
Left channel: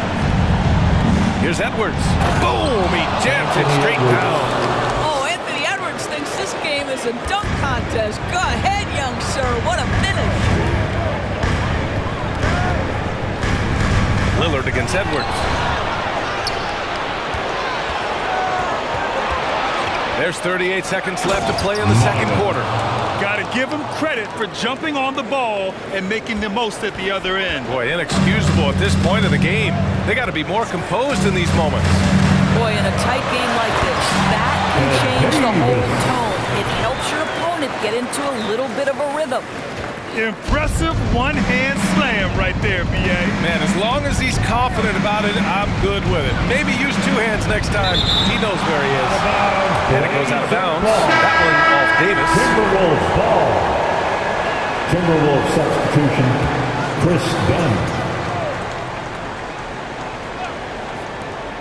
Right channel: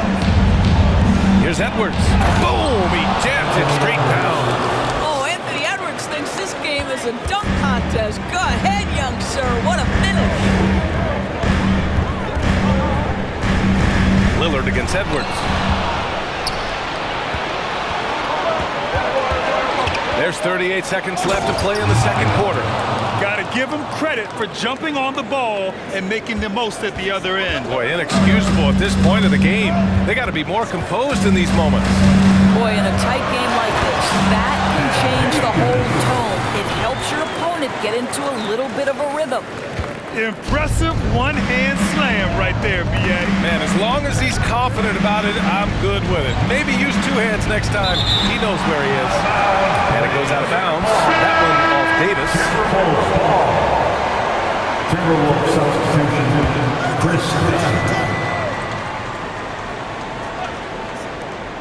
Here's Edwards. Boom! He jams it straight down. Oh, Anthony Edwards thinks this game is a dunk contest. Go ahead, young sir. What a finish. Lillard against Edwards. There's 38 seconds left to play in the second quarter. Got to give him credit for jumping on the ball and making the most at the other end. Boy, inexcusable at this point of the game. They got to be more composed in these moments. Boy, in a tight game like this, that can change the whole tone. It helps your opponent get into a little bit of a rhythm. Impressive one-hand slam right there, B.A. Man, as long as he's confident about it, I'm good with it. Maybe use two hands next time. He knows where he is. And it goes out of bounds. That one off Davis. Timberwolves ball. Timberwolves substitution, Chris Dunn.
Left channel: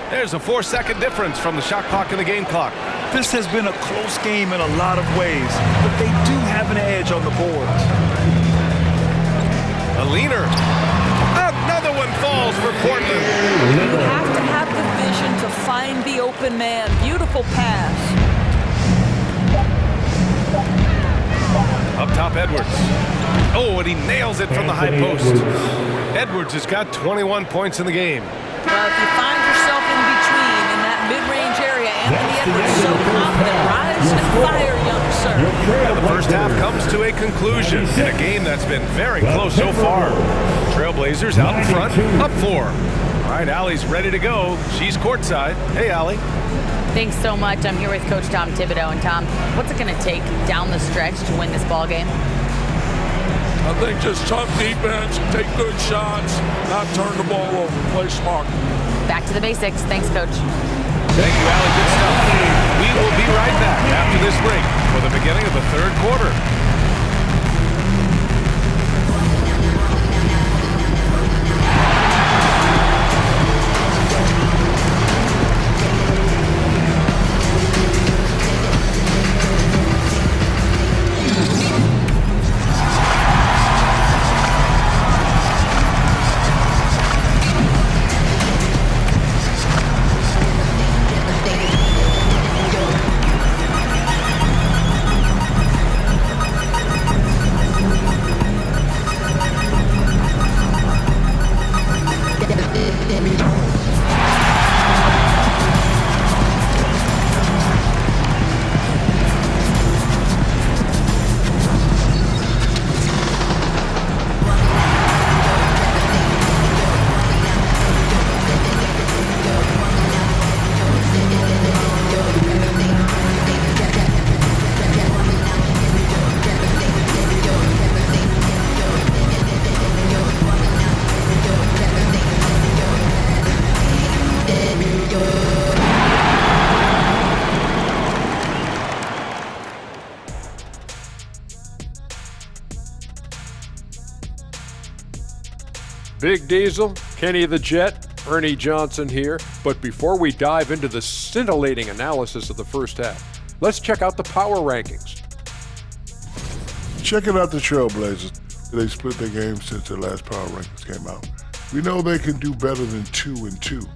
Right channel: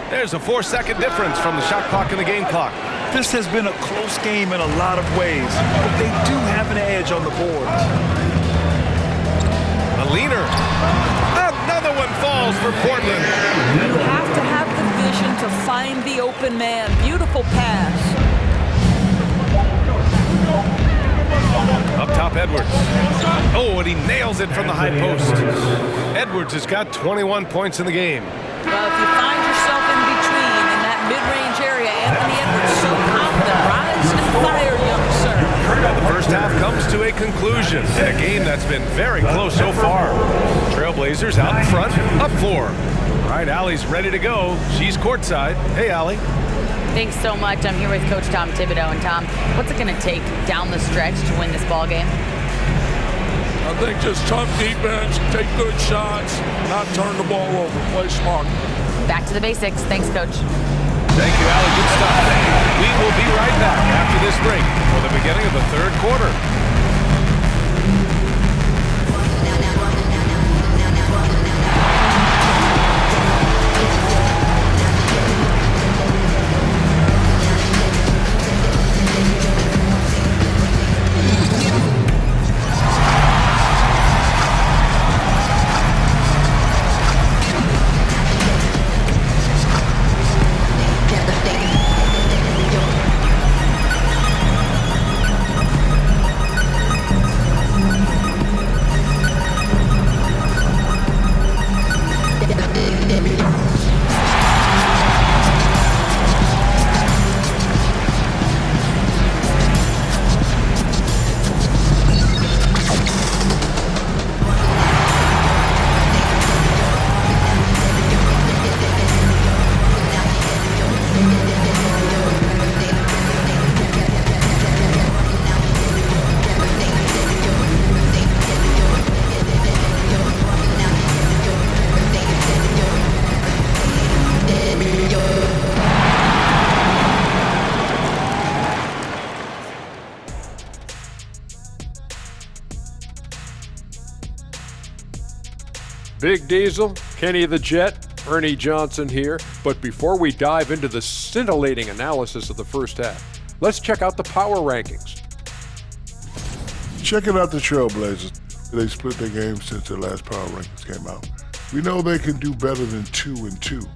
There's a 4-second difference from the shot clock and the game clock. This has been a close game in a lot of ways, but they do have an edge on the boards. A leaner. Another one falls for Portland. You have to have the vision to find the open man. Beautiful pass. Up top, Edwards. Oh, and he nails it from the high post. Edwards has got 21 points in the game. Well, if you find yourself in between in that mid-range area, Anthony Edwards so confident. Rise and fire, young sir. And the first half comes to a conclusion in a game that's been very close so far. Trailblazers out in front, up 4. All right, Allie's ready to go. She's courtside. Hey, Allie. Thanks so much. I'm here with Coach Tom Thibodeau. And Tom, what's it going to take down the stretch to win this ball game? I think just tough defense, take good shots, not turn the ball over, play smart. Back to the basics. Thanks, Coach. Thank you, Allie. Good stuff. We will be right back after this break for the beginning of the third quarter. Big Diesel, Kenny the Jet, Ernie Johnson here. But before we dive into the scintillating analysis of the first half, let's check out the power rankings. Checking out the Trailblazers. They split their game since their last power rankings came out. We know they can do better than 2-2,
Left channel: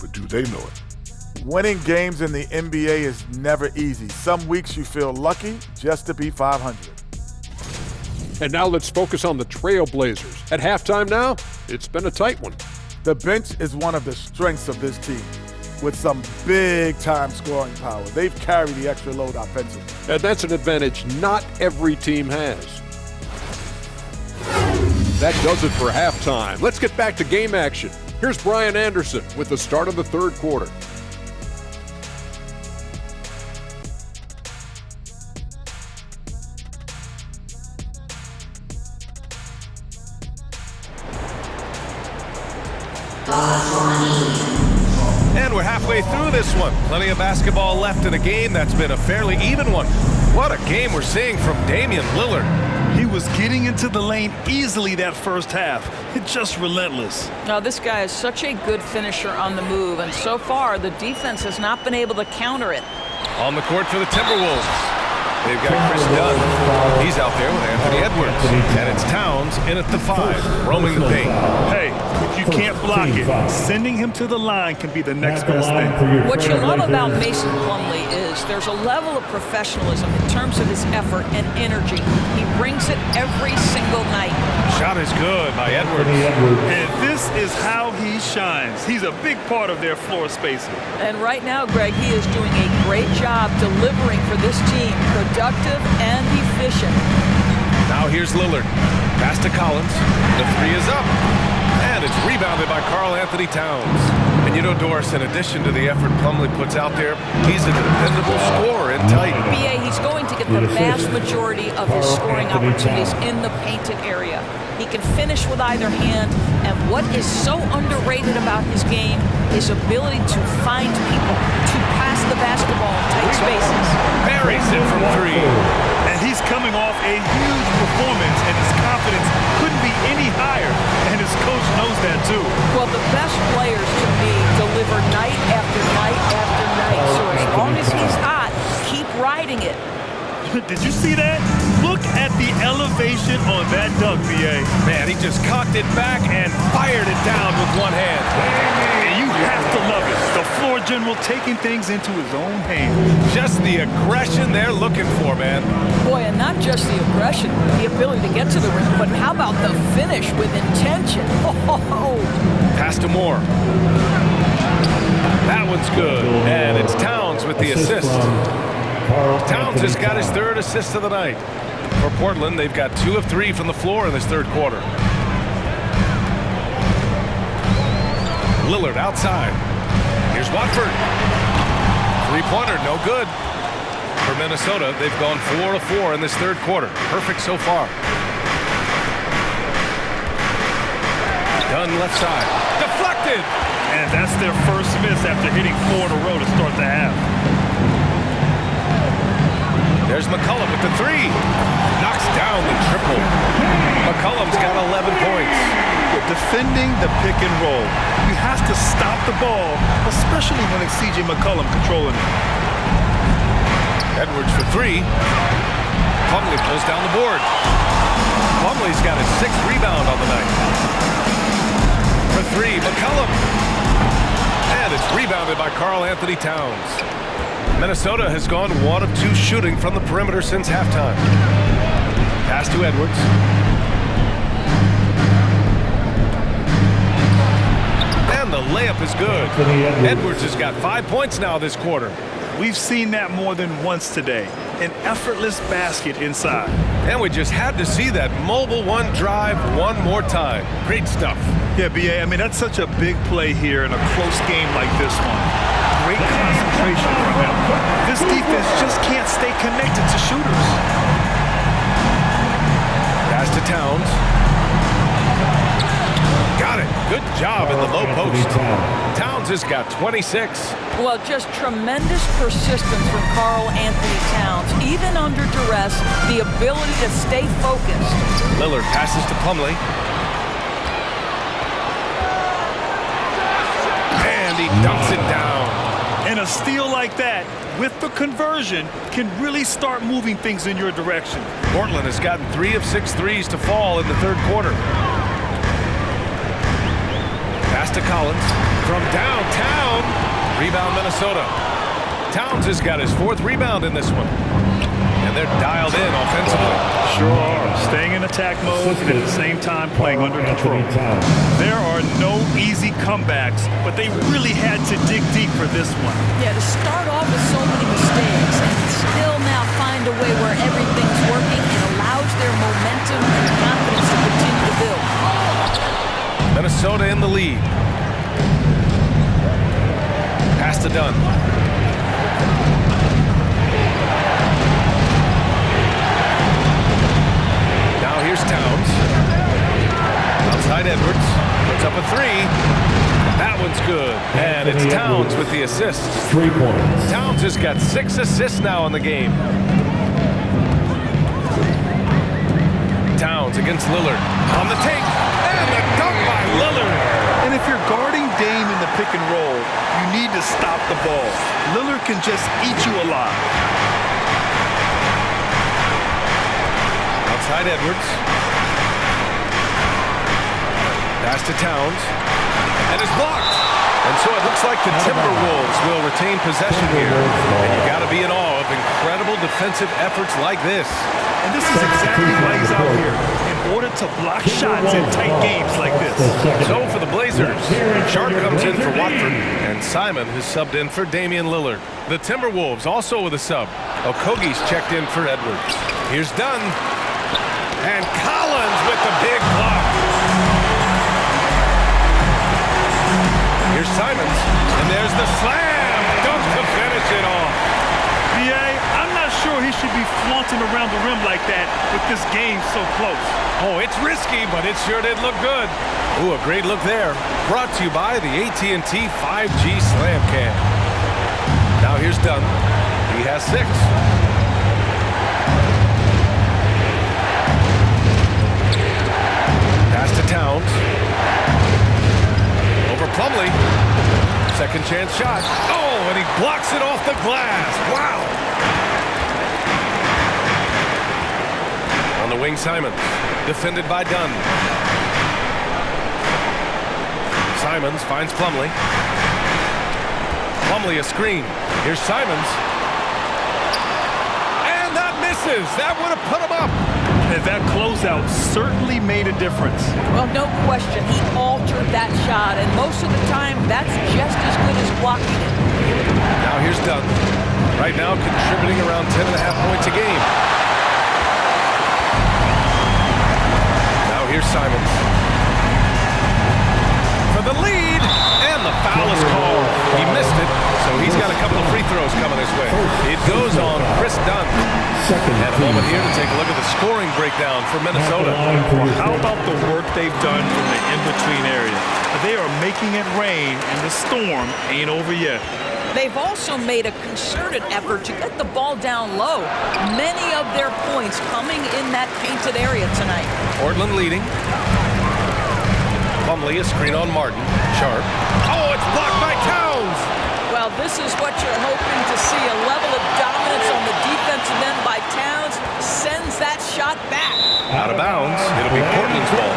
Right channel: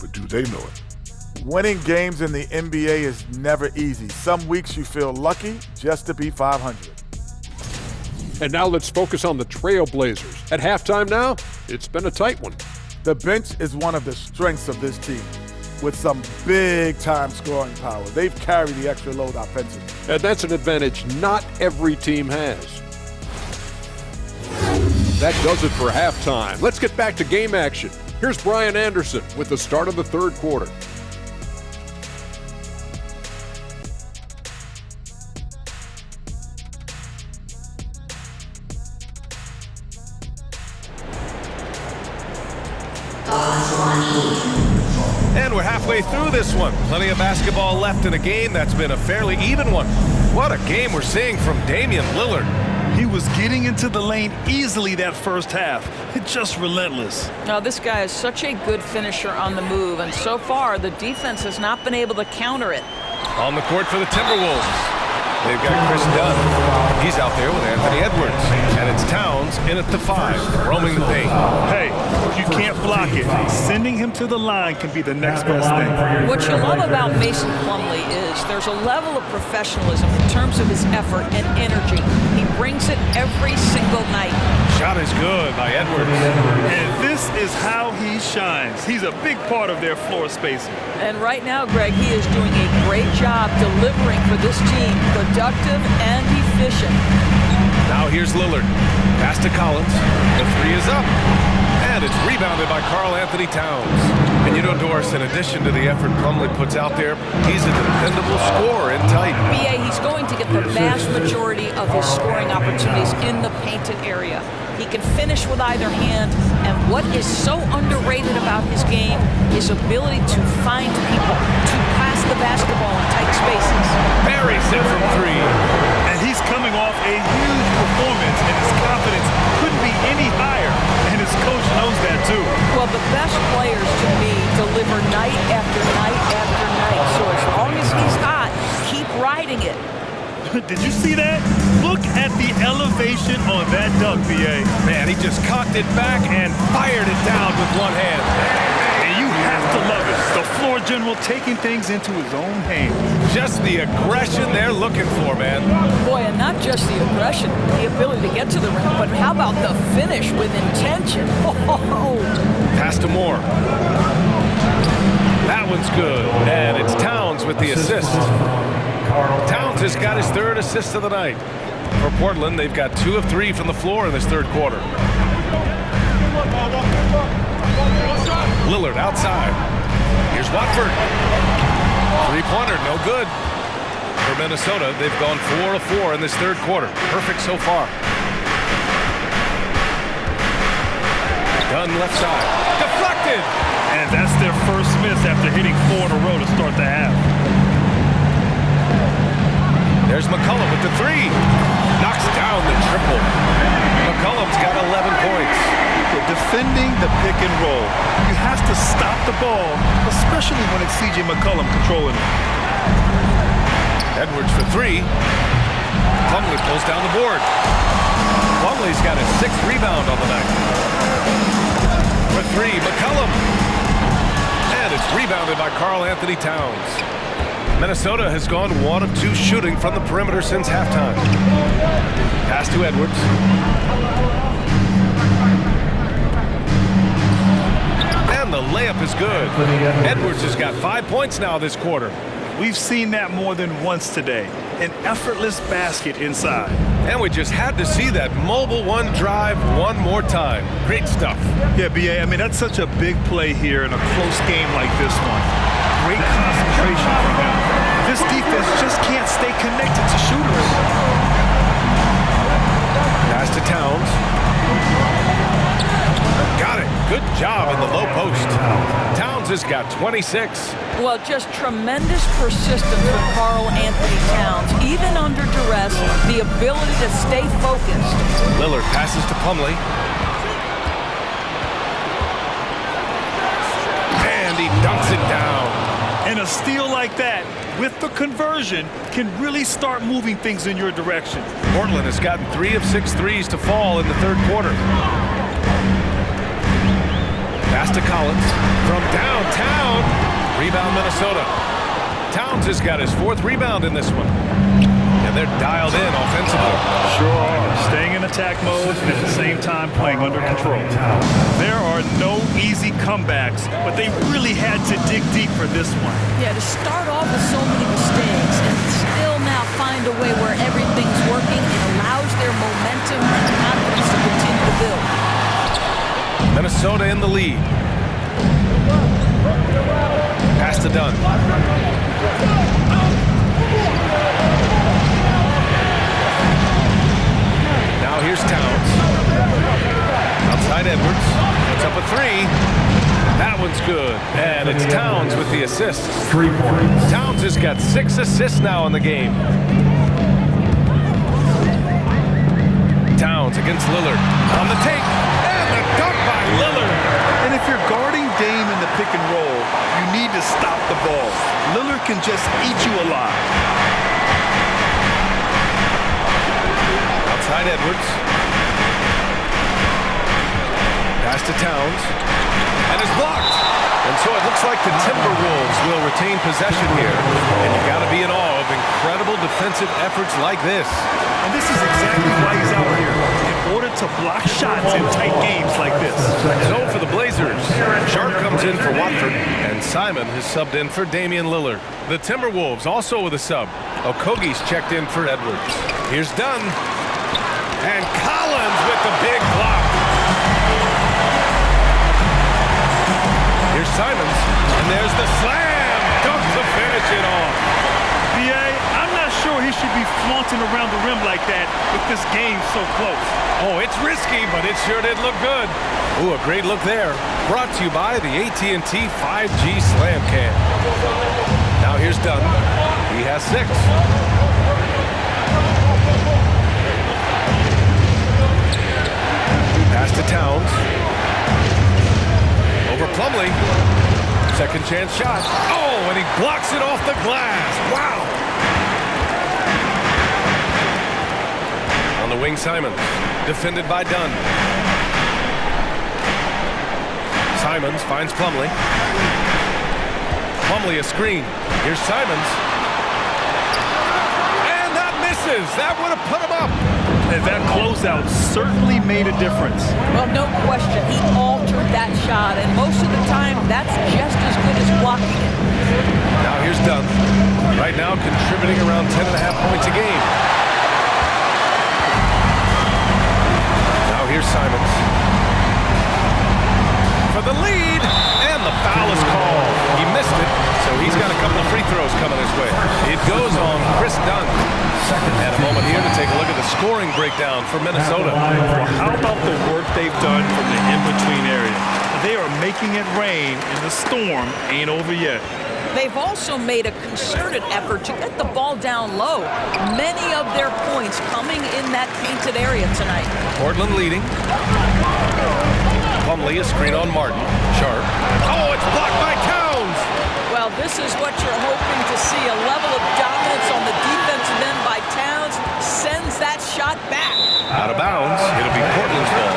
but do they know it? Winning games in the NBA is never easy. Some weeks you feel lucky just to be 500. And now let's focus on the Trailblazers. At halftime now, it's been a tight one. The bench is one of the strengths of this team, with some big-time scoring power. They've carried the extra load offensively. And that's an advantage not every team has. That does it for halftime. Let's get back to game action. Here's Brian Anderson with the start of the third quarter. halfway through this one. Plenty of basketball left in a game that's been a fairly even one. What a game we're seeing from Damian Lillard. He was getting into the lane easily that first half. It's just relentless. Now, this guy is such a good finisher on the move, and so far the defense has not been able to counter it. On the court for the Timberwolves, they've got Chris Dunn. He's out there with Anthony Edwards. And it's Towns in at the 5, roaming the paint. Hey, if you can't block it, sending him to the line can be the next best thing. What you love about Mason Plumlee is there's a level of professionalism in terms of his effort and energy. He brings it every single night. Shot is good by Edwards. And this is how he shines. He's a big part of their floor spacing. And right now, Greg, he is doing a great job delivering for this team, productive and efficient. Now here's Lillard. Pass to Collins. The 3 is up. And it's rebounded by Karl Anthony Towns. And you know, Doris, in addition to the effort Plumlee puts out there, he's a dependable scorer in tight. BA, he's going to get the vast majority of his scoring opportunities in the painted area. He can finish with either hand, and what is so underrated about his game is ability to find people, to pass the basketball in tight spaces. Buries it from 3. And he's coming off a huge performance, and his confidence couldn't be any higher, and his coach knows that too. Well, the best players to me deliver night after night after night, so as long as he's hot, keep riding it. Did you see that? Look at the elevation on that dunk, BA. Man, he just cocked it back and fired it down with one hand. And you have to love it. The floor general taking things into his own hands. Just the aggression they're looking for, man. Boy, and not just the aggression, the ability to get to the rim, but how about the finish with intention? Oh. Pass to Moore. That one's good. And it's Towns with the assist. Towns has got his 3rd assist of the night. For Portland, they've got 2 of 3 from the floor in this 3rd quarter. Lillard outside. Here's Watford. 3-pointer, no good. For Minnesota, they've gone 4 of 4 in this 3rd quarter. Perfect so far. Dunn left side. Deflected! And that's their first miss after hitting 4 in a row to start the half. There's McCollum with the 3. Knocks down the triple. McCollum's got 11 points. Defending the pick and roll. You have to stop the ball, especially when it's C.J. McCollum controlling it. Edwards for 3. Plumlee pulls down the board. Plumlee's got his 6th rebound on the night. For 3, McCollum. And it's rebounded by Karl Anthony Towns. Minnesota has gone 1 of 2 shooting from the perimeter since halftime. Pass to Edwards. And the layup is good. Edwards has got 5 points now this quarter. We've seen that more than once today. An effortless basket inside. And we just had to see that mobile 1 drive one more time. Great stuff. Yeah, BA, I mean, that's such a big play here in a close game like this one. Great concentration from him. This defense just can't stay connected to shooters. Pass to Towns. Got it. Good job in the low post. Towns has got 26. Well, just tremendous persistence from Karl Anthony Towns. Even under duress, the ability to stay focused. Lillard passes to Plumlee. And he dunks it down. And a steal like that, with the conversion, can really start moving things in your direction. Portland has gotten 3 of 6 threes to fall in the 3rd quarter. Pass to Collins from downtown. Rebound Minnesota. Towns has got his 4th rebound in this one. And they're dialed in offensively. Sure are. Staying in attack mode and at the same time playing under control. There are no easy comebacks, but they really had to dig deep for this one. Yeah, to start off with so many mistakes and still now find a way where everything's working, it allows their momentum and confidence to continue to build. Minnesota in the lead. Pass to Dunn. Now here's Towns. Outside Edwards. Puts up a 3. That one's good. And it's Towns with the assist. 3 points. Towns has got 6 assists now in the game. Towns against Lillard. On the take. And the dunk by Lillard. And if you're guarding Dame in the pick and roll, you need to stop the ball. Lillard can just eat you alive. Outside Edwards. Pass to Towns. And it's blocked. And so it looks like the Timberwolves will retain possession here. And you got to be in awe of incredible defensive efforts like this. And this is exactly why he's out here, in order to block shots in tight games like this. So for the Blazers, Sharp comes in for Watford, and Simon has subbed in for Damian Lillard. The Timberwolves also with a sub. Okogie's checked in for Edwards. Here's Dunn. And Collins with the big block. Here's Simons, and there's the slam dunk to finish it off. B.A., I'm not sure he should be flaunting around the rim like that with this game so close. Oh, it's risky, but it sure did look good. Ooh, a great look there. Brought to you by the AT&T 5G Slam Cam. Now here's Dunn. He has 6. Pass to Towns. Over Plumlee. Second chance shot. Oh, and he blocks it off the glass. Wow. On the wing, Simons. Defended by Dunn. Simons finds Plumlee. Plumlee a screen. Here's Simons. And that misses. That would have put him up. And that closeout certainly made a difference. Well, no question. He altered that shot, and most of the time, that's just as good as blocking it. Now here's Dunn. Right now contributing around 10.5 points a game. Now here's Simons. For the lead, and the foul is called. He missed it, so he's got a couple of free throws coming his way. It goes on Chris Dunn. And a moment here to take a look at the scoring breakdown for Minnesota. Well, how about the work they've done from the in-between area? They are making it rain, and the storm ain't over yet. They've also made a concerted effort to get the ball down low. Many of their points coming in that painted area tonight. Portland leading. Plumlee, a screen on Martin. Sharp. Oh, it's blocked by Towns. Well, this is what you're hoping to see. A level of dominance on the defensive end by Towns sends that shot back. Out of bounds. It'll be Portland's ball.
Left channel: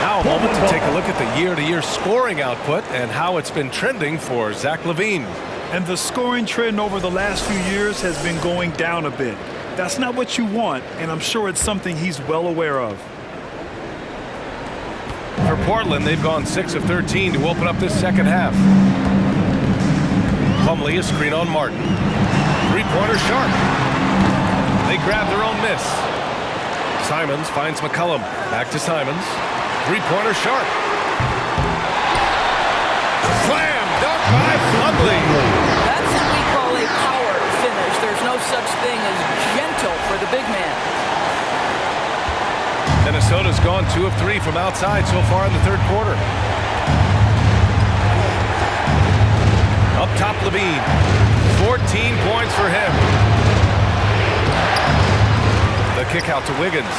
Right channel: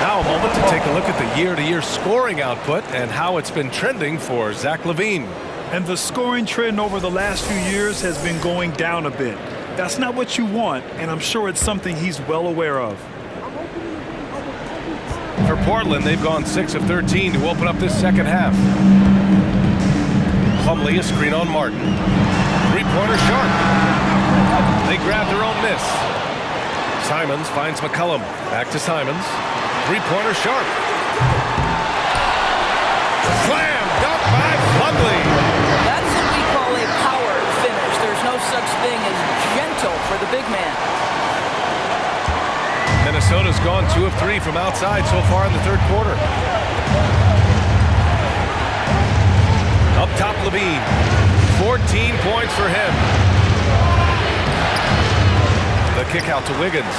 Now a moment to take a look at the year-to-year scoring output and how it's been trending for Zach LaVine. And the scoring trend over the last few years has been going down a bit. That's not what you want, and I'm sure it's something he's well aware of. For Portland, they've gone 6 of 13 to open up this second half. Plumlee, a screen on Martin. Three-pointer Sharp. They grab their own miss. Simons finds McCollum. Back to Simons. Three-pointer Sharp. Slam dunk by Plumlee. That's what we call a power finish. There's no such thing as gentle for the big man. Minnesota's gone 2 of 3 from outside so far in the third quarter. Up top, LaVine. 14 points for him. The kick out to Wiggins.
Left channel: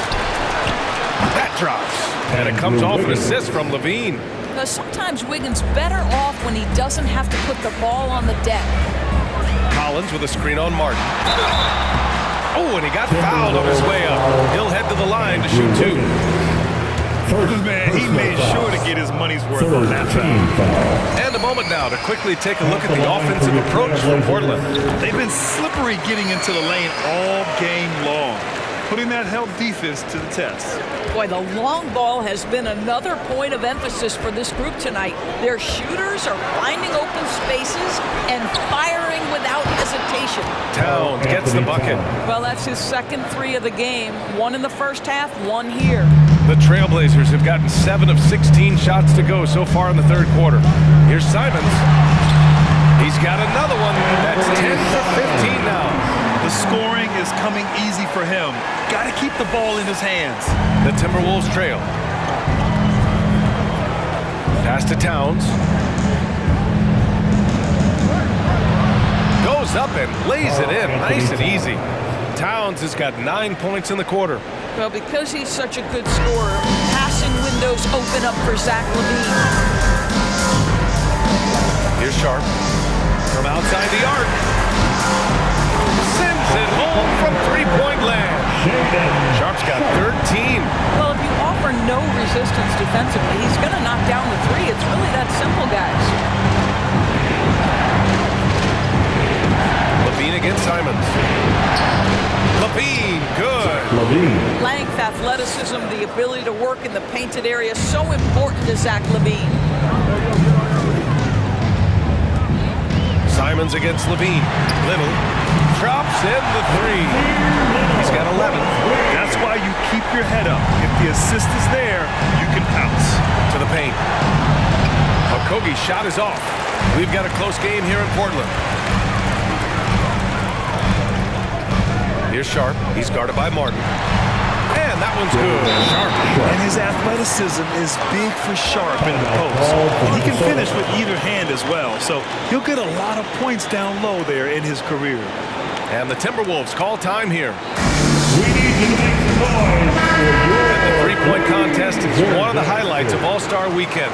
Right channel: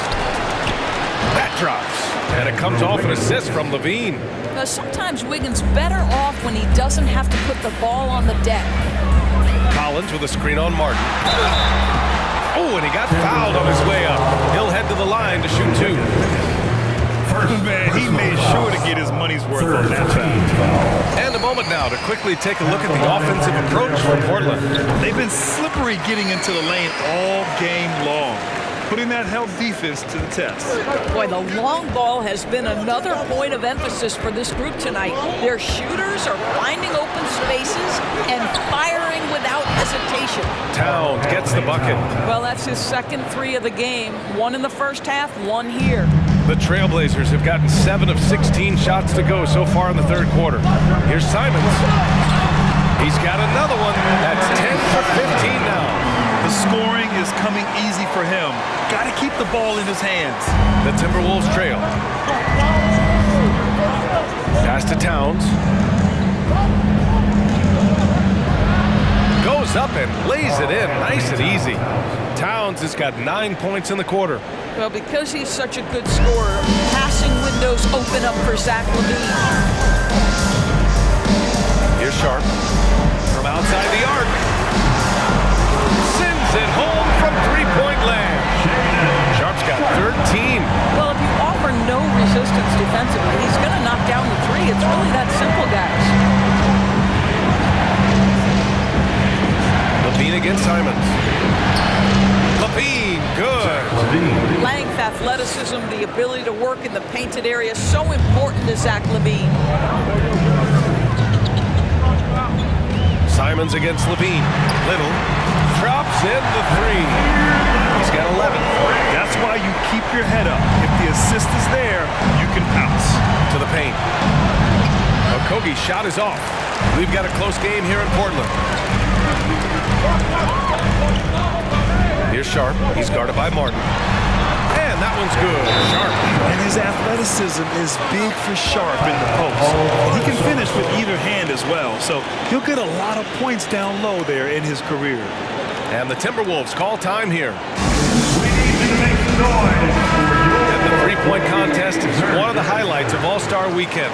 That drops. And it comes off an assist from LaVine. Sometimes Wiggins better off when he doesn't have to put the ball on the deck. Collins with a screen on Martin. Oh, and he got fouled on his way up. He'll head to the line to shoot 2. Man, he made sure to get his money's worth on that foul. And a moment now to quickly take a look at the offensive approach for Portland. They've been slippery getting into the lane all game long, putting that help defense to the test. Boy, the long ball has been another point of emphasis for this group tonight. Their shooters are finding open spaces and firing without hesitation. Towns gets the bucket. Well, that's his second 3 of the game. 1 in the first half, 1 here. The Trailblazers have gotten 7 of 16 shots to go so far in the third quarter. Here's Simons. He's got another one. That's 10 for 15 now. The scoring is coming easy for him. Got to keep the ball in his hands. The Timberwolves trail. Pass to Towns. Goes up and lays it in nice and easy. Towns has got 9 points in the quarter. Well, because he's such a good scorer, passing windows open up for Zach LaVine. Here's Sharp from outside the arc. Sends it home from three-point land. Sharp's got 13. Well, if you offer no resistance defensively, he's going to knock down the three. It's really that simple, guys. LaVine against Simons. LaVine, good. Length, athleticism, the ability to work in the painted area, so important to Zach LaVine. Simons against LaVine. Little drops in the three. He's got 11. That's why you keep your head up. If the assist is there, you can pounce. To the paint. Okogie's shot is off. We've got a close game here in Portland. Here's Sharp. He's guarded by Martin. And that one's good. Sharp. And his athleticism is big for Sharp in the post. And he can finish with either hand as well. So he'll get a lot of points down low there in his career. And the Timberwolves call time here. We need you to make some noise for your... And the three-point contest is one of the highlights of All-Star Weekend.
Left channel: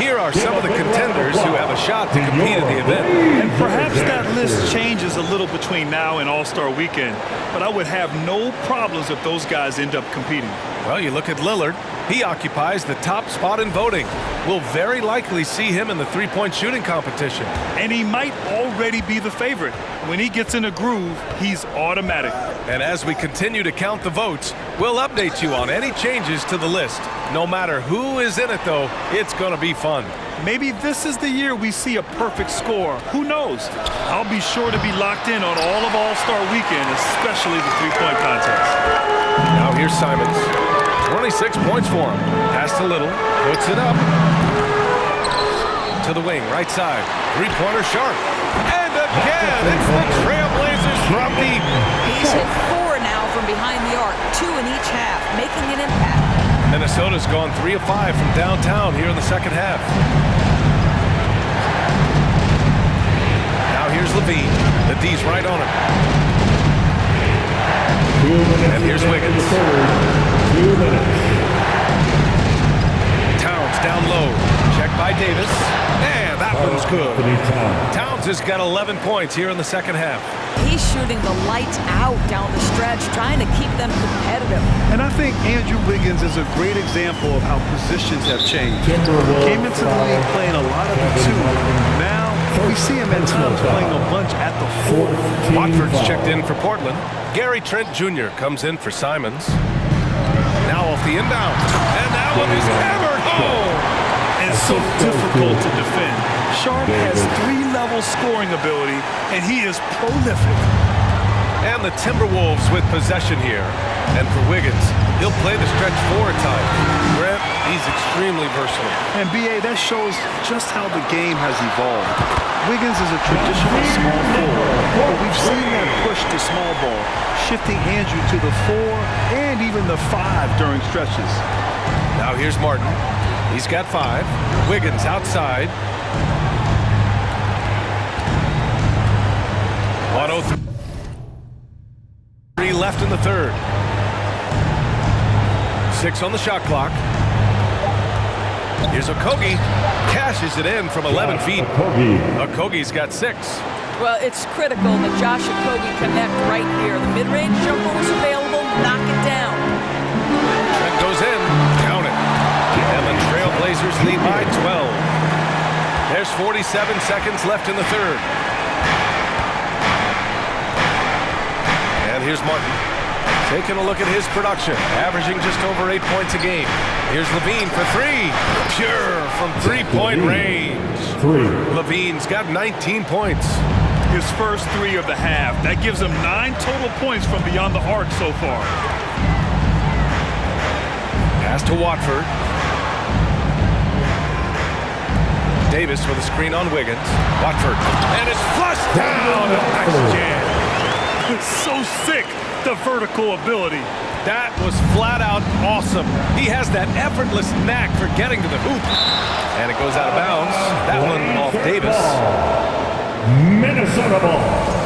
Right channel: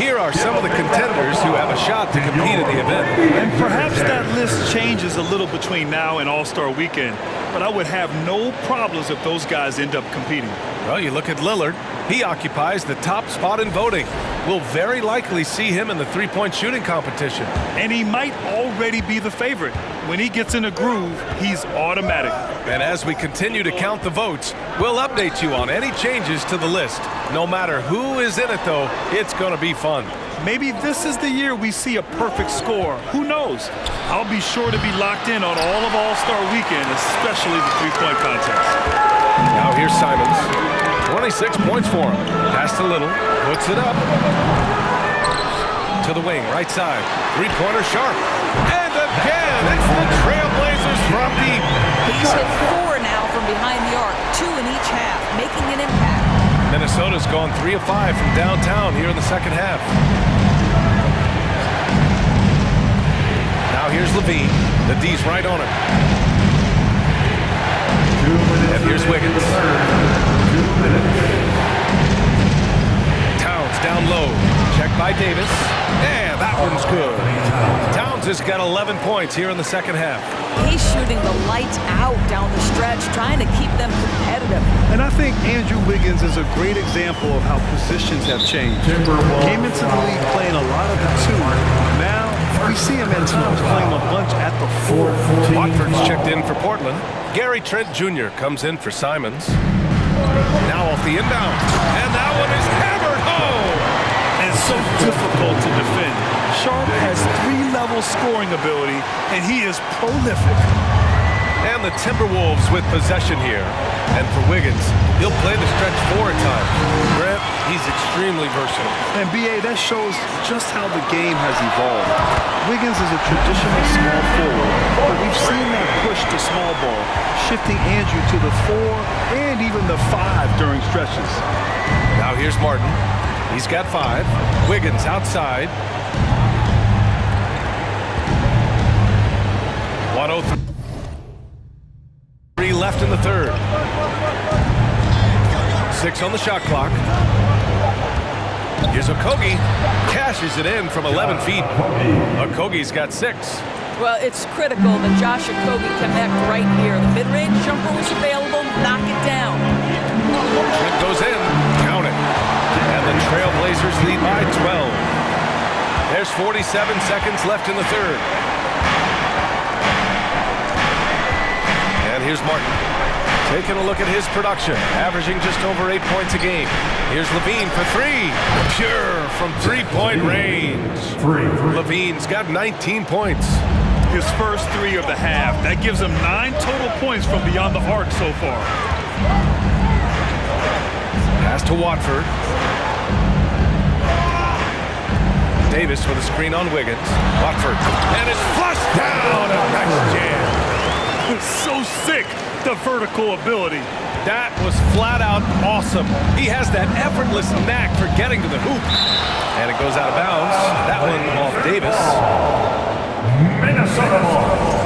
Here are some of the contenders who have a shot to compete in the event. And perhaps that list changes a little between now and All-Star Weekend, but I would have no problems if those guys end up competing. Well, you look at Lillard. He occupies the top spot in voting. We'll very likely see him in the three-point shooting competition. And he might already be the favorite. When he gets in a groove, he's automatic. And as we continue to count the votes, we'll update you on any changes to the list. No matter who is in it, though, it's going to be fun. Maybe this is the year we see a perfect score. Who knows? I'll be sure to be locked in on all of All-Star Weekend, especially the three-point contest. Now here's Simons. 26 points for him. Pass to Little. Puts it up. To the wing, right side. Three-pointer Sharp. And again, it's the Trailblazers from deep. He's hit 4 now from behind the arc, 2 in each half, making an impact. Minnesota's gone 3 of 5 from downtown here in the second half. Now here's LaVine. The D's right on him. And here's Wiggins. 2 minutes. Towns down low. Checked by Davis. And that one's good. Towns has got 11 points here in the second half. He's shooting the lights out down the stretch, trying to keep them competitive. And I think Andrew Wiggins is a great example of how positions have changed. Came into the league playing a lot of the 2. Now we see him at times playing a bunch at the 4. Watford's checked in for Portland. Gary Trent Jr. comes in for Simons. Now off the inbound. And that one is hammered home. And so difficult to defend. Sharp has 3-level scoring ability, and he is prolific. And the Timberwolves with possession here. And for Wiggins, he'll play the stretch 4 at times. Grant, he's extremely versatile. And B.A., that shows just how the game has evolved. Wiggins is a traditional small forward, but we've seen that push to small ball, shifting Andrew to the 4 and even the 5 during stretches. Now here's Martin. He's got 5. Wiggins outside. 1:03 left in the third. 6 on the shot clock. Here's Okogie. Cashes it in from 11 feet. Okogie's got 6. Well, it's critical that Josh Okogie connect right here. The mid-range jumper was available. Knock it down. Trent goes in. Count it. And the Trailblazers lead by 12. There's 47 seconds left in the third. And here's Martin. Taking a look at his production, averaging just over 8 points a game. Here's LaVine for 3. Pure from three-point range. 3. LaVine's got 19 points. His first 3 of the half. That gives him 9 total points from beyond the arc so far. Pass to Watford. Davis with a screen on Wiggins. Watford. And it's flushed down. A nice jam. So sick, the vertical ability. That was flat out awesome. He has that effortless knack for getting to the hoop. And it goes out of bounds. That one off Davis. Minnesota ball.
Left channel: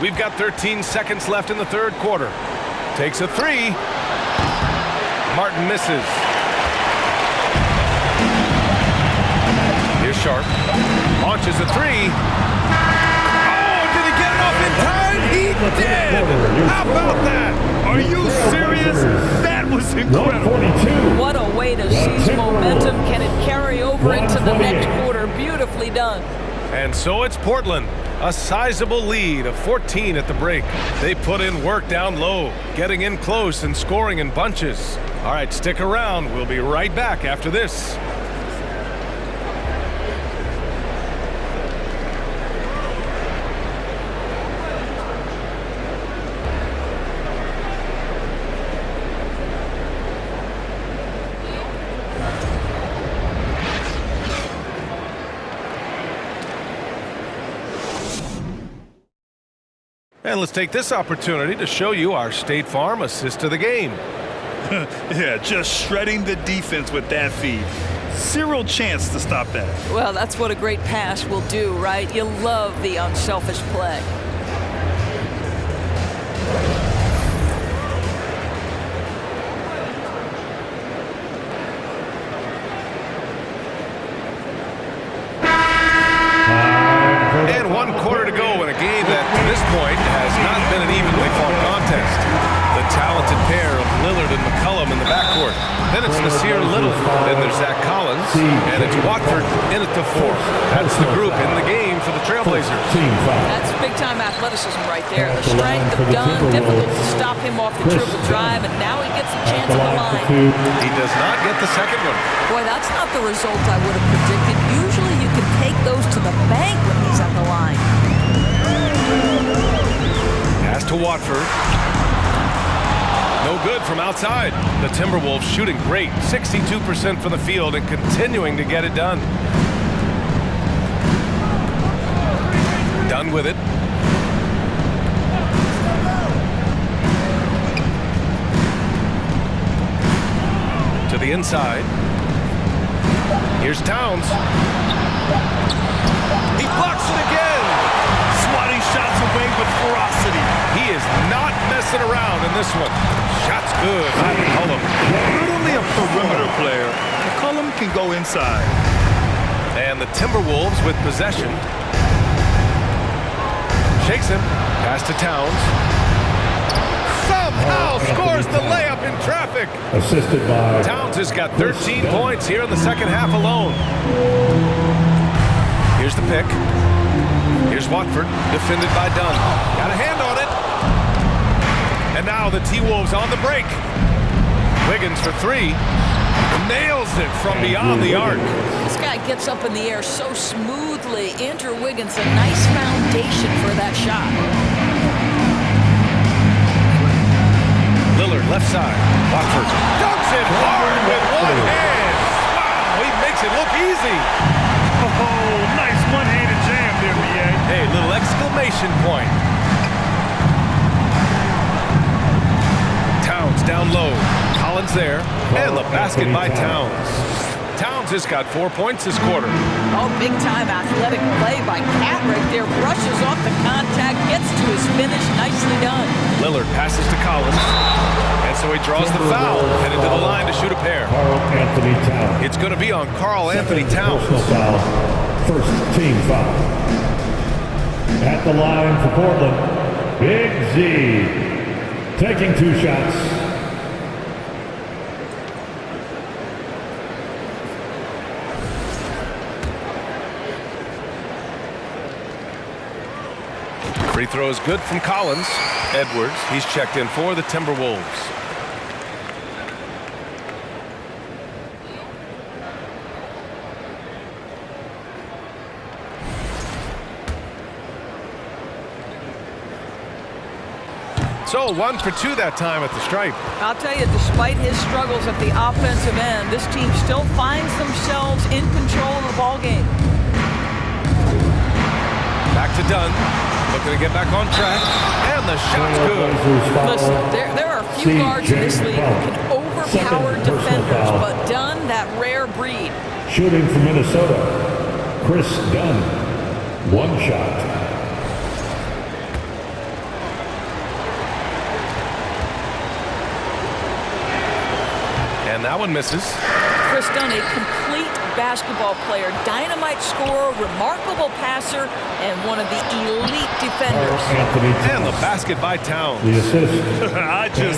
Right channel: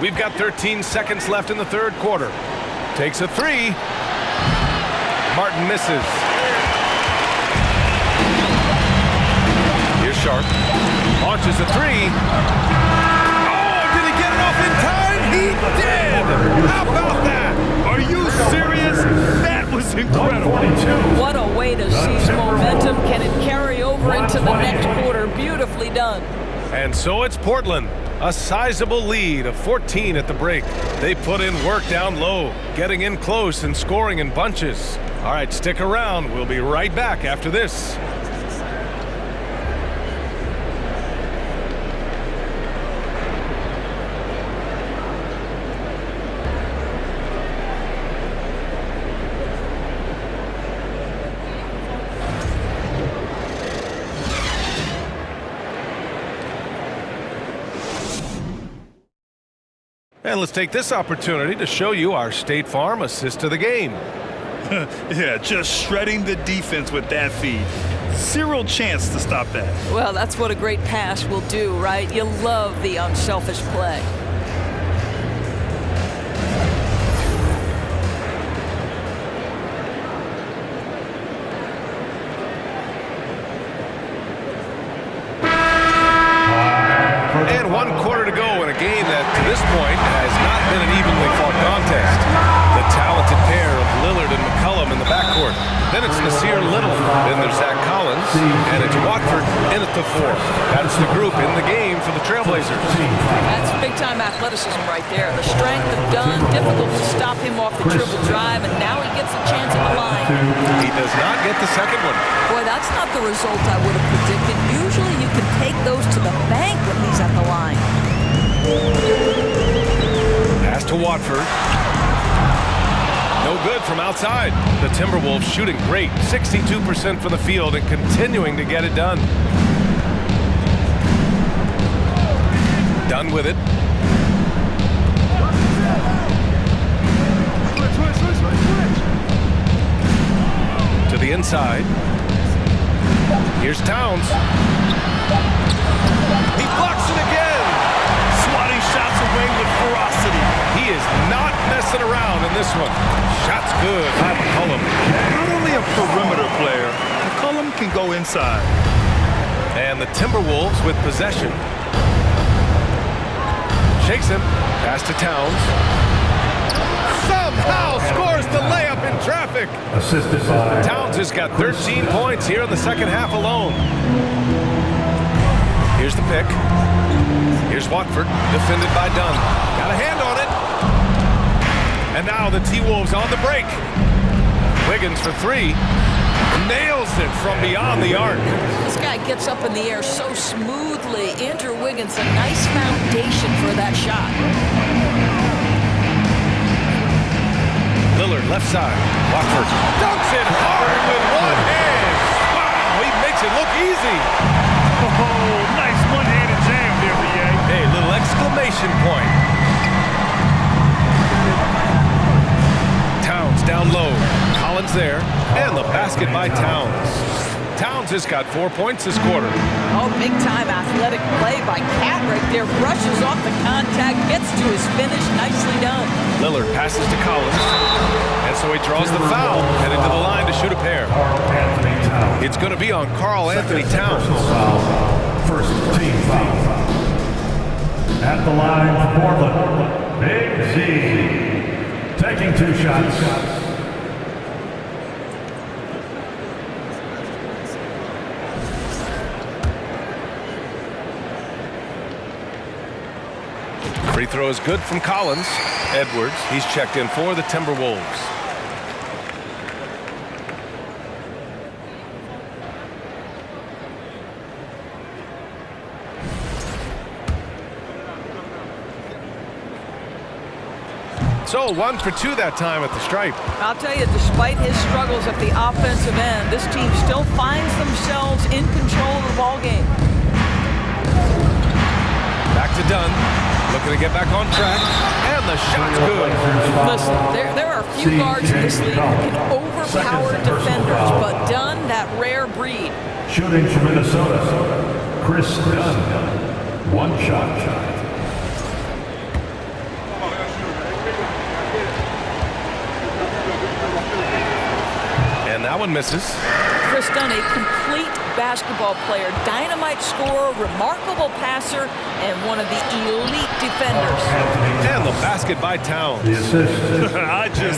We've got 13 seconds left in the third quarter. Takes a three. Martin misses. Here's Sharp. Launches a three. Oh, did he get it off in time? He did! How about that? Are you serious? That was incredible. What a way to seize momentum. Can it carry over into the next quarter? Beautifully done. And so it's Portland. A sizable lead of 14 at the break. They put in work down low, getting in close and scoring in bunches. All right, stick around. We'll be right back after this. And let's take this opportunity to show you our State Farm assist of the game. Yeah, just shredding the defense with that feed. Zero chance to stop that. Well, that's what a great pass will do, right? You love the unselfish play. And 1 quarter to go in a game that, to this point, has not been an evenly fought contest. The talented pair of Lillard and McCollum in the backcourt. Then it's Nasir Little. Then there's Zach Collins. And it's Watford in at the 4. That's the group in the game for the Trailblazers. That's big-time athleticism right there. The strength of Dunn, difficult to stop him off the dribble drive, and now he gets a chance at the line. He does not get the second one. Boy, that's not the result I would have predicted. Usually you can take those to the bank when he's at the line. Pass to Watford. No good from outside. The Timberwolves shooting great. 62% from the field and continuing to get it done. Done with it. To the inside. Here's Towns. He blocks it again. Swatting shots away with ferocity. He is not messing around in this one. Shot's good by McCollum. Not only a perimeter player, McCollum can go inside. And the Timberwolves with possession. Shakes him. Pass to Towns. Somehow scores the layup in traffic. Assisted by Towns has got 13 points here in the second half alone. Here's the pick. Here's Watford, defended by Dunn. Got a hand on it. And now the T-Wolves on the break. Wiggins for three. Nails it from beyond the arc. This guy gets up in the air so smoothly. Andrew Wiggins, a nice foundation for that shot. Lillard, left side. Watford dunks it hard with one hand. Wow, he makes it look easy. Oh, nice one-handed jam there, B.A. Hey, little exclamation point. Towns down low. Collins there. And the basket by Towns. Towns has got 4 points this quarter. Oh, big-time athletic play by Cat right there. Brushes off the contact, gets to his finish. Nicely done. Lillard passes to Collins. And so he draws the foul, headed to the line to shoot a pair. Karl Anthony Towns. It's going to be on Karl Anthony Towns. Foul. First team foul. At the line for Portland, Big Z. Taking 2 shots. Free throw is good from Collins. Edwards, he's checked in for the Timberwolves. So 1 for 2 that time at the stripe. I'll tell you, despite his struggles at the offensive end, this team still finds themselves in control of the ball game. Back to Dunn. Looking to get back on track. And the shot's good. Listen, there are few guards in this league who can overpower defenders, but Dunn, that rare breed. Shooting from Minnesota, Chris Dunn. 1 shot. And that one misses. Chris Dunn, a complete basketball player, dynamite scorer, remarkable passer, and one of the elite defenders. And the basket by Towns. The assist. I just